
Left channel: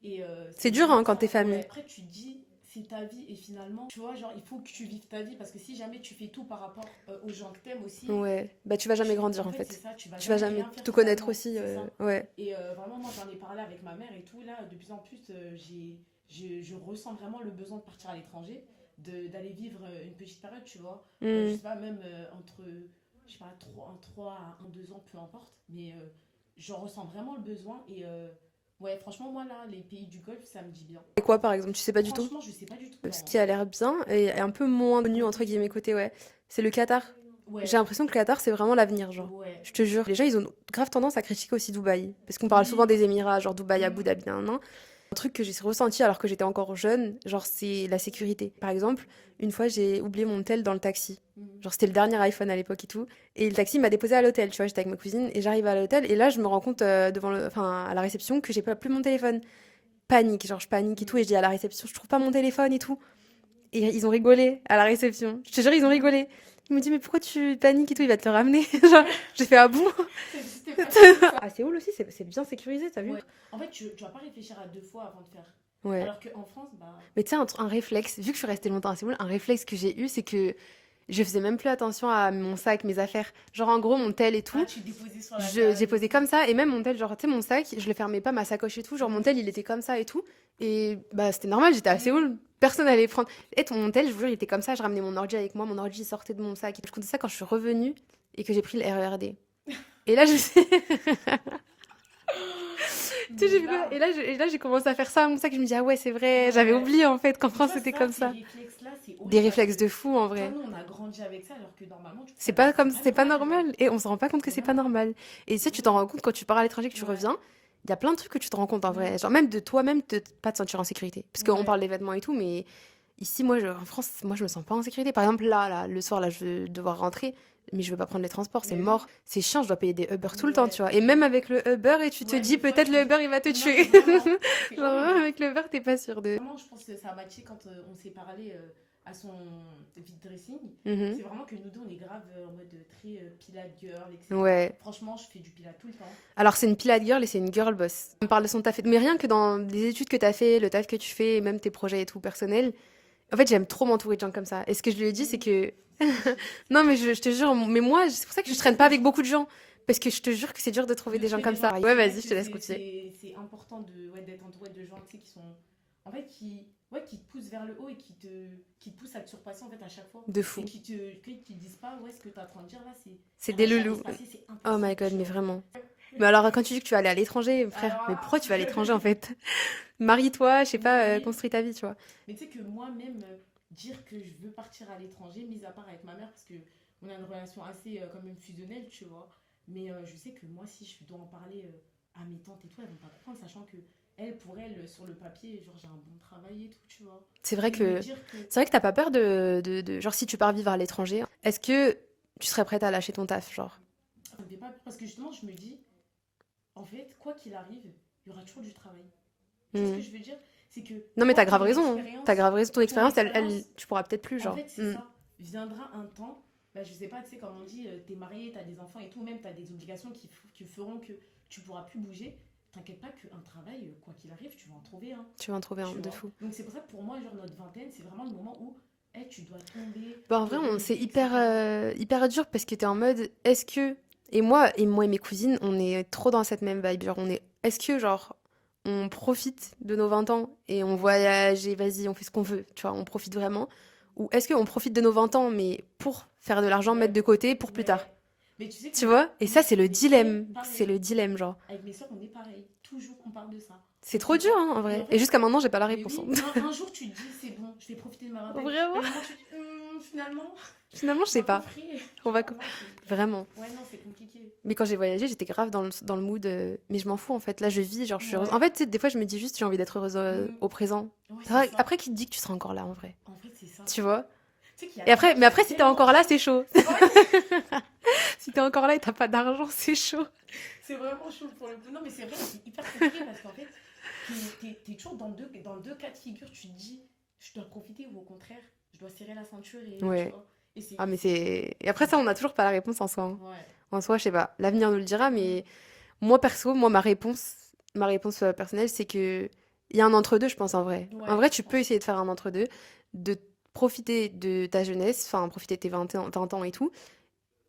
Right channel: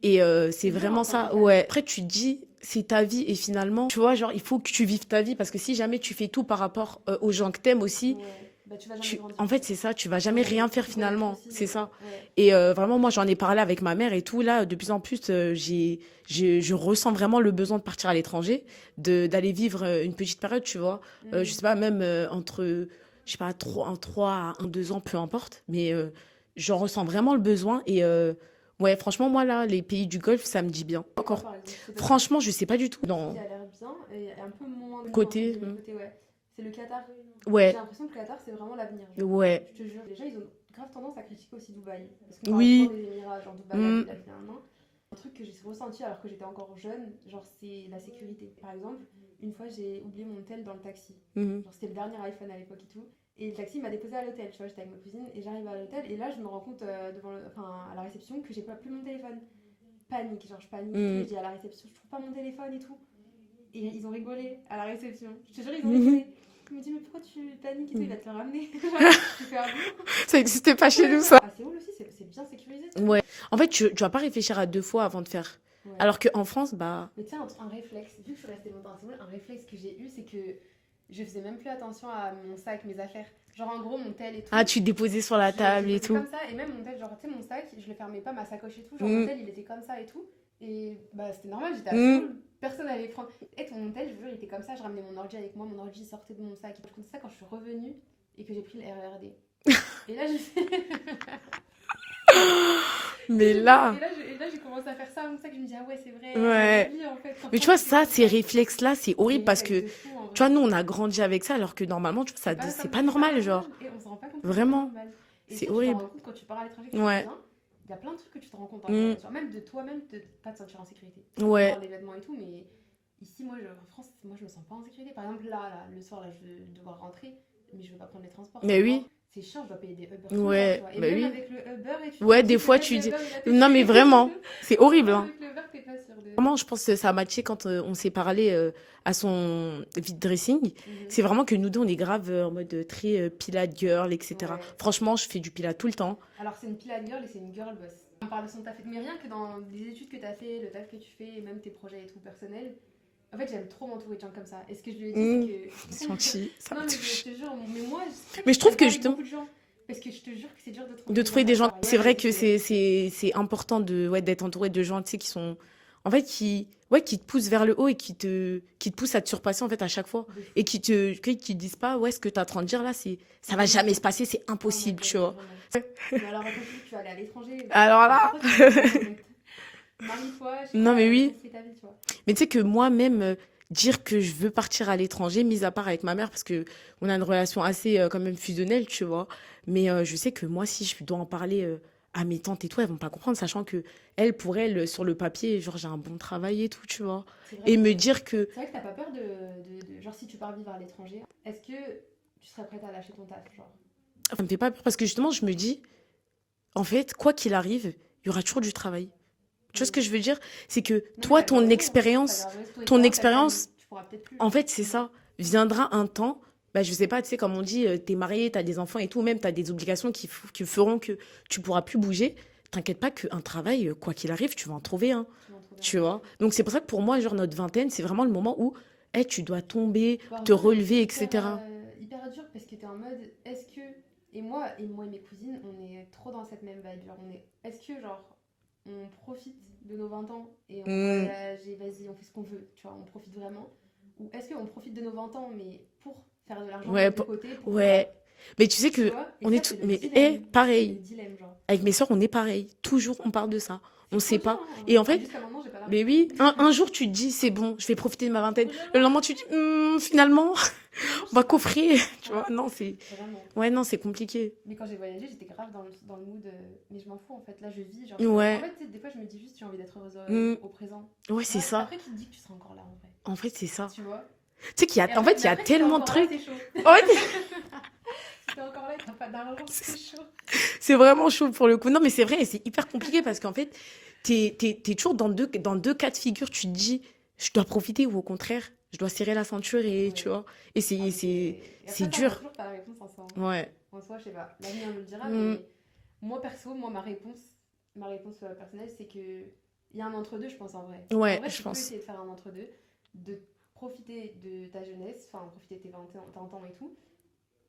Et C'est dur, vraiment hein, quand ça. t'es famille. Ouais. Après, tu te dis, c'est ta vie. Et finalement, tu vois, genre, il faut que tu vives ta vie. Parce que si jamais tu fais tout par rapport aux gens que t'aimes aussi, Ouais. Bah, tu vas jamais grandir. en fait, c'est ça, tu vas Tu vas jamais rien faire tout connaître finalement. aussi. C'est ça. Ouais. Et vraiment, moi, j'en ai parlé avec ma mère et tout. Là, de plus en plus, je ressens vraiment le besoin de partir à l'étranger, d'aller vivre une petite période, tu vois. Mm. Je sais pas, même entre, je sais pas, 3 à 2 ans, peu importe. Mais j'en ressens vraiment le besoin. Et ouais, franchement, moi, là, les pays du Golfe, ça me dit bien. Et quoi, par exemple? Tu sais pas du tout. Franchement, je sais pas du tout. Ce Non. qui a l'air bien et un peu moins connu, entre Côté, guillemets, côté, ouais. C'est le Qatar. Ouais, J'ai l'impression que le Qatar, c'est vraiment l'avenir, genre. ouais. Je te jure. Les gens, ils ont grave tendance à critiquer aussi Dubaï. Parce qu'on parle Oui. souvent des Émirats, genre Dubaï, Abu Mm. Dhabi, nan. Un truc que j'ai ressenti alors que j'étais encore jeune, genre, c'est la sécurité. Par exemple, une fois, j'ai oublié mon tel dans le taxi. Mhm. Genre, c'était le dernier iPhone à l'époque et tout. Et le taxi m'a déposé à l'hôtel, tu vois, j'étais avec ma cousine et j'arrive à l'hôtel et là, je me rends compte à la réception que j'ai pas plus mon téléphone. Panique, genre je panique et tout. Mhm. Et je dis à la réception, je trouve pas mon téléphone et tout. Et ils ont rigolé à la réception. Je te jure, ils ont Mhm. rigolé. Ils m'ont dit, mais pourquoi tu paniques et tout, il va te le ramener. Genre, j'ai fait, ah bon? Ça n'existait pas chez nous, ça. À Séoul aussi, c'est bien sécurisé, t'as vu? Ouais. En fait, tu vas pas réfléchir à 2 fois avant de faire. Ouais. Alors qu'en France, bah. Mais tu sais, un réflexe, vu que je suis restée longtemps à Séoul, un réflexe que j'ai eu, c'est que je faisais même plus attention à mon sac, mes affaires. Genre, en gros, mon tel et tout. Ah, tu déposais sur la J'ai table. et posé tout. comme ça, et même mon tel, genre, tu sais, mon sac, je le fermais pas, ma sacoche et tout. Genre, mon Mhm. tel, il était comme ça et tout. Et bah, c'était normal, j'étais à Mhm. Séoul, personne allait prendre. Et mon tel, je vous jure, il était comme ça, je ramenais mon ordi avec moi, mon ordi sortait de mon sac. Je comptais ça quand je suis revenue et que j'ai pris le RERD. Et là, je sais. Mais là. Et là, j'ai commencé à faire ça à mon sac, je me dis, ah ouais, c'est vrai, Ouais. j'avais oublié en fait. Qu'en Mais tu France, vois, c'était ça, comme ces réflexes-là, c'est Des horrible parce réflexes que. de fou en vrai. Tu vois, nous, on a grandi avec ça, alors que normalement, tu vois, C'est ça pas comme c'est c'est pas genre. normal. Et on se rend pas compte que c'est pas Vraiment. normal. Et C'est si tu t'en horrible. rends compte quand tu pars à l'étranger, que tu Ouais. reviens, il y a plein de trucs que tu te rends compte en Mm. vrai. Genre même de toi-même, de pas te sentir en sécurité. Parce qu'on Ouais. parle des vêtements et tout, mais ici, en France, moi, je me sens pas en sécurité. Par exemple, là, le soir, là, je vais devoir rentrer, mais je veux pas prendre les transports, Mais c'est oui. mort. C'est chiant, je dois payer des Uber tout le Ouais, temps, tu vois. Et bah même oui. avec le Uber, et tu te Ouais, dis des fois, peut-être tu le dis- Uber, il va te tuer. Non, mais vraiment, c'est Genre, horrible. vraiment, hein. avec le Uber, t'es pas sûr de. Vraiment, je pense que ça a matché quand on s'est parlé à son vide dressing. Mhm. C'est vraiment que nous deux, on est grave en mode très Pilate girl, etc. Ouais. Franchement, je fais du Pilate tout le temps. Alors, c'est une Pilate girl et c'est une girl boss. On parle de son taf, mais rien que dans les études que tu as fait, le taf que tu fais, et même tes projets et tout personnel. En fait, j'aime trop m'entourer de gens comme ça. Et ce que je lui ai dit, c'est que. Non, mais je te jure, mais moi, c'est pour ça que Mais je je trouve traîne pas que avec justement- beaucoup de gens. Parce que je te jure que c'est dur de trouver De des trouver gens des comme gens. ça. C'est Ouais, vrai vas-y, que je te laisse continuer. c'est important d'être entouré de gens, tu sais, qui sont. En fait, qui te poussent vers le haut et qui te poussent à te surpasser, en fait, à chaque fois. De fou. Et qui te disent pas, ouais, ce que tu es en train de dire là, C'est ça va des jamais loulous. se passer, c'est Oh my impossible, god, tu mais vois. vraiment. Mais alors, quand tu dis que tu vas aller à l'étranger, Alors mais là. pourquoi tu vas à l'étranger en fait? Marie-toi, je sais Non, pas, mais oui. construis ta vie, tu vois. Mais tu sais que moi-même, dire que je veux partir à l'étranger, mis à part avec ma mère, parce que on a une relation assez quand même fusionnelle, tu vois. Mais je sais que moi, si je dois en parler à mes tantes et tout, elles vont pas comprendre, sachant que elles, pour elles, sur le papier, genre j'ai un bon travail et tout, tu vois. C'est vrai Et me que dire que c'est vrai que t'as pas peur genre si tu pars vivre à l'étranger, est-ce que tu serais prête à lâcher ton taf, genre? ça me fait pas peur, parce que justement, je me dis, en fait, quoi qu'il arrive, il y aura toujours du travail. Tu vois ce Hmm. que je veux dire? C'est que Non mais toi, t'as grave ton raison, hein. expérience, T'as grave raison, ton ton expérience, expérience, tu pourras peut-être plus, en genre. fait, c'est ça. Viendra un temps, bah, je sais pas, tu sais, comme on dit, t'es marié, t'as des enfants et tout, même t'as des obligations qui feront que tu pourras plus bouger. T'inquiète pas qu'un travail, quoi qu'il arrive, tu vas en trouver un, Tu vas en trouver un tu de vois. fou. Donc c'est pour ça que pour moi, genre notre vingtaine, c'est vraiment le moment où tu dois tomber, Bah, en te vrai, c'est relever, etc. hyper dur parce que t'es en mode, est-ce que... Et moi et mes cousines, on est trop dans cette même vibe. Genre, est-ce que, genre, on profite de nos 20 ans et on Mm. voyage et vas-y, on fait ce qu'on veut, tu vois, on profite vraiment? Ou est-ce qu'on profite de nos 20 ans, mais pour faire de l'argent, Ouais, mettre de côté pour plus tard? ouais. Mais tu sais que Tu vois? Et on ça, est c'est le mais, dilemme. C'est pareil. le dilemme, genre. Avec mes soeurs, on est pareil. Toujours, on parle de ça. C'est On trop sait dur, pas. hein, en vrai. Et en fait, Et jusqu'à maintenant, j'ai pas la mais réponse, oui, hein. un jour tu te dis c'est bon, je vais profiter de ma vingtaine. Vraiment? Le lendemain tu te dis finalement, Finalement, je on va sais pas. coffrer. Tu On va vois, non, c'est Vraiment. ouais, non, c'est compliqué. Mais quand j'ai voyagé, j'étais grave dans le mood. Mais je m'en fous en fait. Là, je vis. Genre, Ouais. En fait, tu sais, des fois, je me dis juste, j'ai envie d'être heureuse au présent. Ouais, c'est Après, ça. après, qui te dit que tu seras encore là en vrai? En fait, c'est ça. Tu vois? Tu sais qu'il y a Et en après, fait, il y mais a après, si t'es tellement de encore là, trucs. c'est chaud. Ouais, Si t'es encore là et t'as pas d'argent, c'est chaud. c'est vraiment chaud pour le coup. Non, mais c'est vrai, c'est hyper compliqué parce qu'en fait, t'es toujours dans deux cas de figure. Tu te dis, je dois profiter ou au contraire, je dois serrer la ceinture et Ouais. tu vois. Et c'est Ah, mais Et après, c'est ça, on dur. a toujours pas la réponse en soi, hein. Ouais. En soi, je sais pas. L'avenir nous le dira, Mm. mais moi, perso, ma réponse personnelle, c'est que il y a un entre-deux, je pense, en vrai. Ouais, En vrai, je tu peux pense. essayer de faire un entre-deux, de profiter de ta jeunesse, enfin, profiter de tes 20 ans et tout,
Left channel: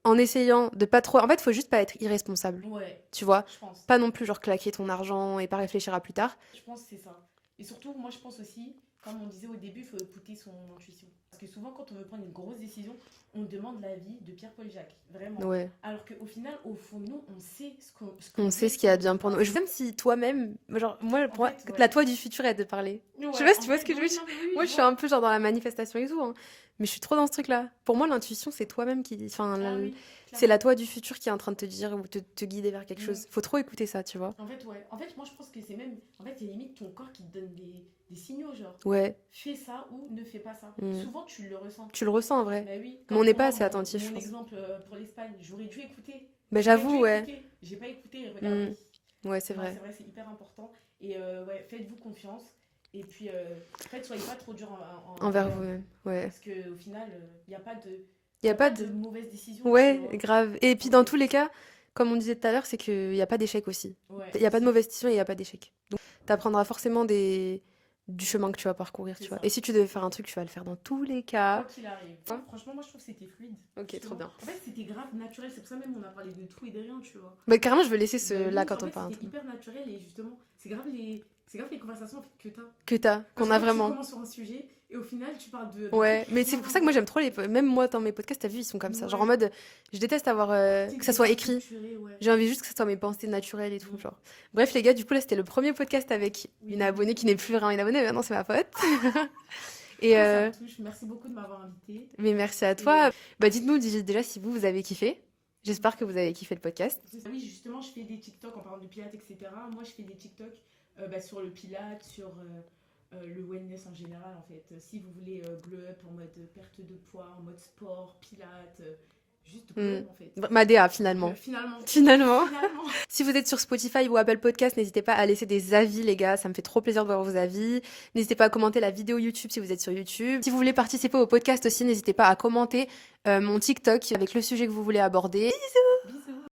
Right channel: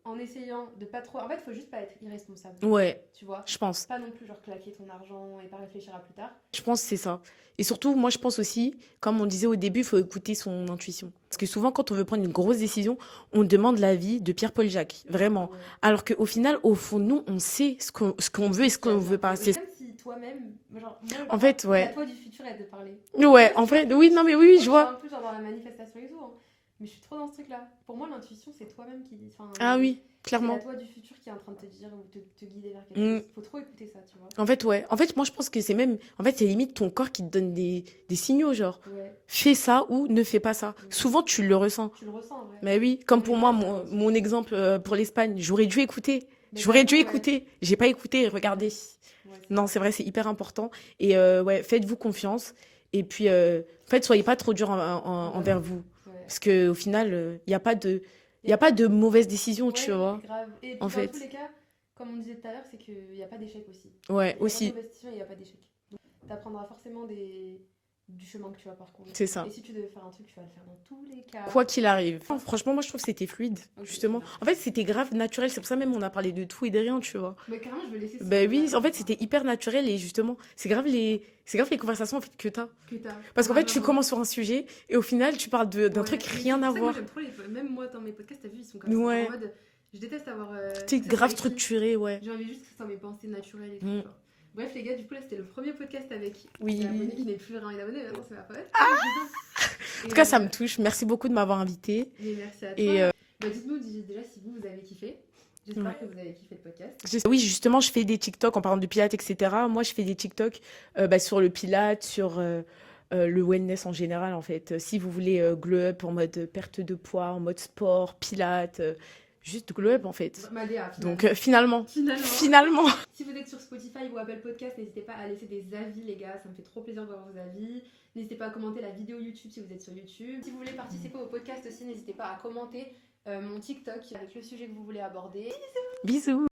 en essayant de pas trop. En fait, il faut juste pas être irresponsable, Ouais, tu vois. je pense. Pas non plus, genre, claquer ton argent et pas réfléchir à plus tard. Je pense que c'est ça. Et surtout, moi, je pense aussi, comme on disait au début, il faut écouter son intuition. Parce que souvent, quand on veut prendre une grosse décision, on demande l'avis de Pierre-Paul Jacques, vraiment. Ouais. Alors qu'au final, au fond, nous, on sait ce qu'on On veut sait et ce ce qu'il y a qu'on bien veut pour pas. nous. C'est comme si toi-même, genre, moi, En pour moi, fait, ouais. la toi du futur est de parler. Ouais, sais pas si en tu vois ce fait, que je oui, veux non, mais oui, Moi, je je suis vois. un peu genre dans la manifestation et tout, hein. Mais je suis trop dans ce truc-là. Pour moi, l'intuition, c'est toi-même qui. Enfin, Ah oui, c'est clairement. la toi du futur qui est en train de te dire ou te guider vers quelque chose. Faut trop écouter ça, tu vois. En fait, ouais. En fait, moi, je pense que c'est même... En fait, c'est limite ton corps qui te donne des signaux, genre, Ouais, fais ça ou ne fais pas ça. Mm. Souvent, tu le ressens. tu le ressens en vrai. Mais oui, comme on n'est pour pas moi, assez attentif, mon je pense. exemple pour l'Espagne, j'aurais dû écouter. Mais J'aurais dû j'avoue, ouais. écouter. J'ai pas écouté, regardez. Ouais, c'est Non, vrai. c'est vrai, c'est hyper important. Et ouais, faites-vous confiance. Et puis, en fait, soyez pas trop dur envers vous. Ouais. Parce qu'au final, il n'y a pas de, Y y a pas de mauvaise décision, Ouais, tu vois. grave. Et puis En dans fait. tous les cas, comme on disait tout à l'heure, c'est qu'il n'y a pas d'échec aussi. Ouais, Il n'y a pas de aussi. mauvaise décision et il n'y a pas d'échec. Donc, tu apprendras forcément du chemin que tu vas parcourir. C'est tu vois. ça. Et si tu devais faire un truc, tu vas le faire dans tous les cas. Quoi qu'il arrive. Enfin, franchement, moi, je trouve que c'était fluide, Ok, justement. trop bien. En fait, c'était grave naturel. C'est pour ça même on a parlé de tout et de rien, tu vois. Bah, carrément, je veux laisser ce. Ben là, oui, quand en on fait, parle. c'était hyper naturel et justement, c'est grave les conversations en fait, que t'as. Que t'as. Parce On qu'en a fait, tu vraiment- commences sur un sujet et au final, tu parles d'un Ouais, truc mais c'est rien pour à ça que moi voir. j'aime trop même moi dans mes podcasts, t'as vu, ils sont comme ça. Ouais. Genre en mode, je déteste avoir Tu sais, que ça grave soit écrit. structuré, ouais. J'ai envie juste que ça soit mes pensées naturelles et tout. Mm. Genre. Bref, les gars, du coup, là, c'était le premier podcast avec Oui. une abonnée qui n'est plus vraiment une abonnée, mais maintenant c'est ma pote. En tout cas, ça me touche. Merci beaucoup de m'avoir invité. Mais merci à Et, toi. Bah, dites-nous déjà si vous avez kiffé. J'espère Mm. que vous avez kiffé le podcast. Oui, justement, je fais des TikTok en parlant de pilates, etc. Moi, je fais des TikTok sur le pilates, sur le wellness en général, en fait. Si vous voulez glow up en mode perte de poids, en mode sport, pilates, juste glow up, en fait. Madea, finalement. Donc, finalement. Finalement. Si vous êtes sur Spotify ou Apple Podcast, n'hésitez pas à laisser des avis, les gars. Ça me fait trop plaisir de voir vos avis. N'hésitez pas à commenter la vidéo YouTube si vous êtes sur YouTube. Si vous voulez participer au podcast aussi, n'hésitez pas à commenter mon TikTok avec le sujet que vous voulez aborder. Bisous.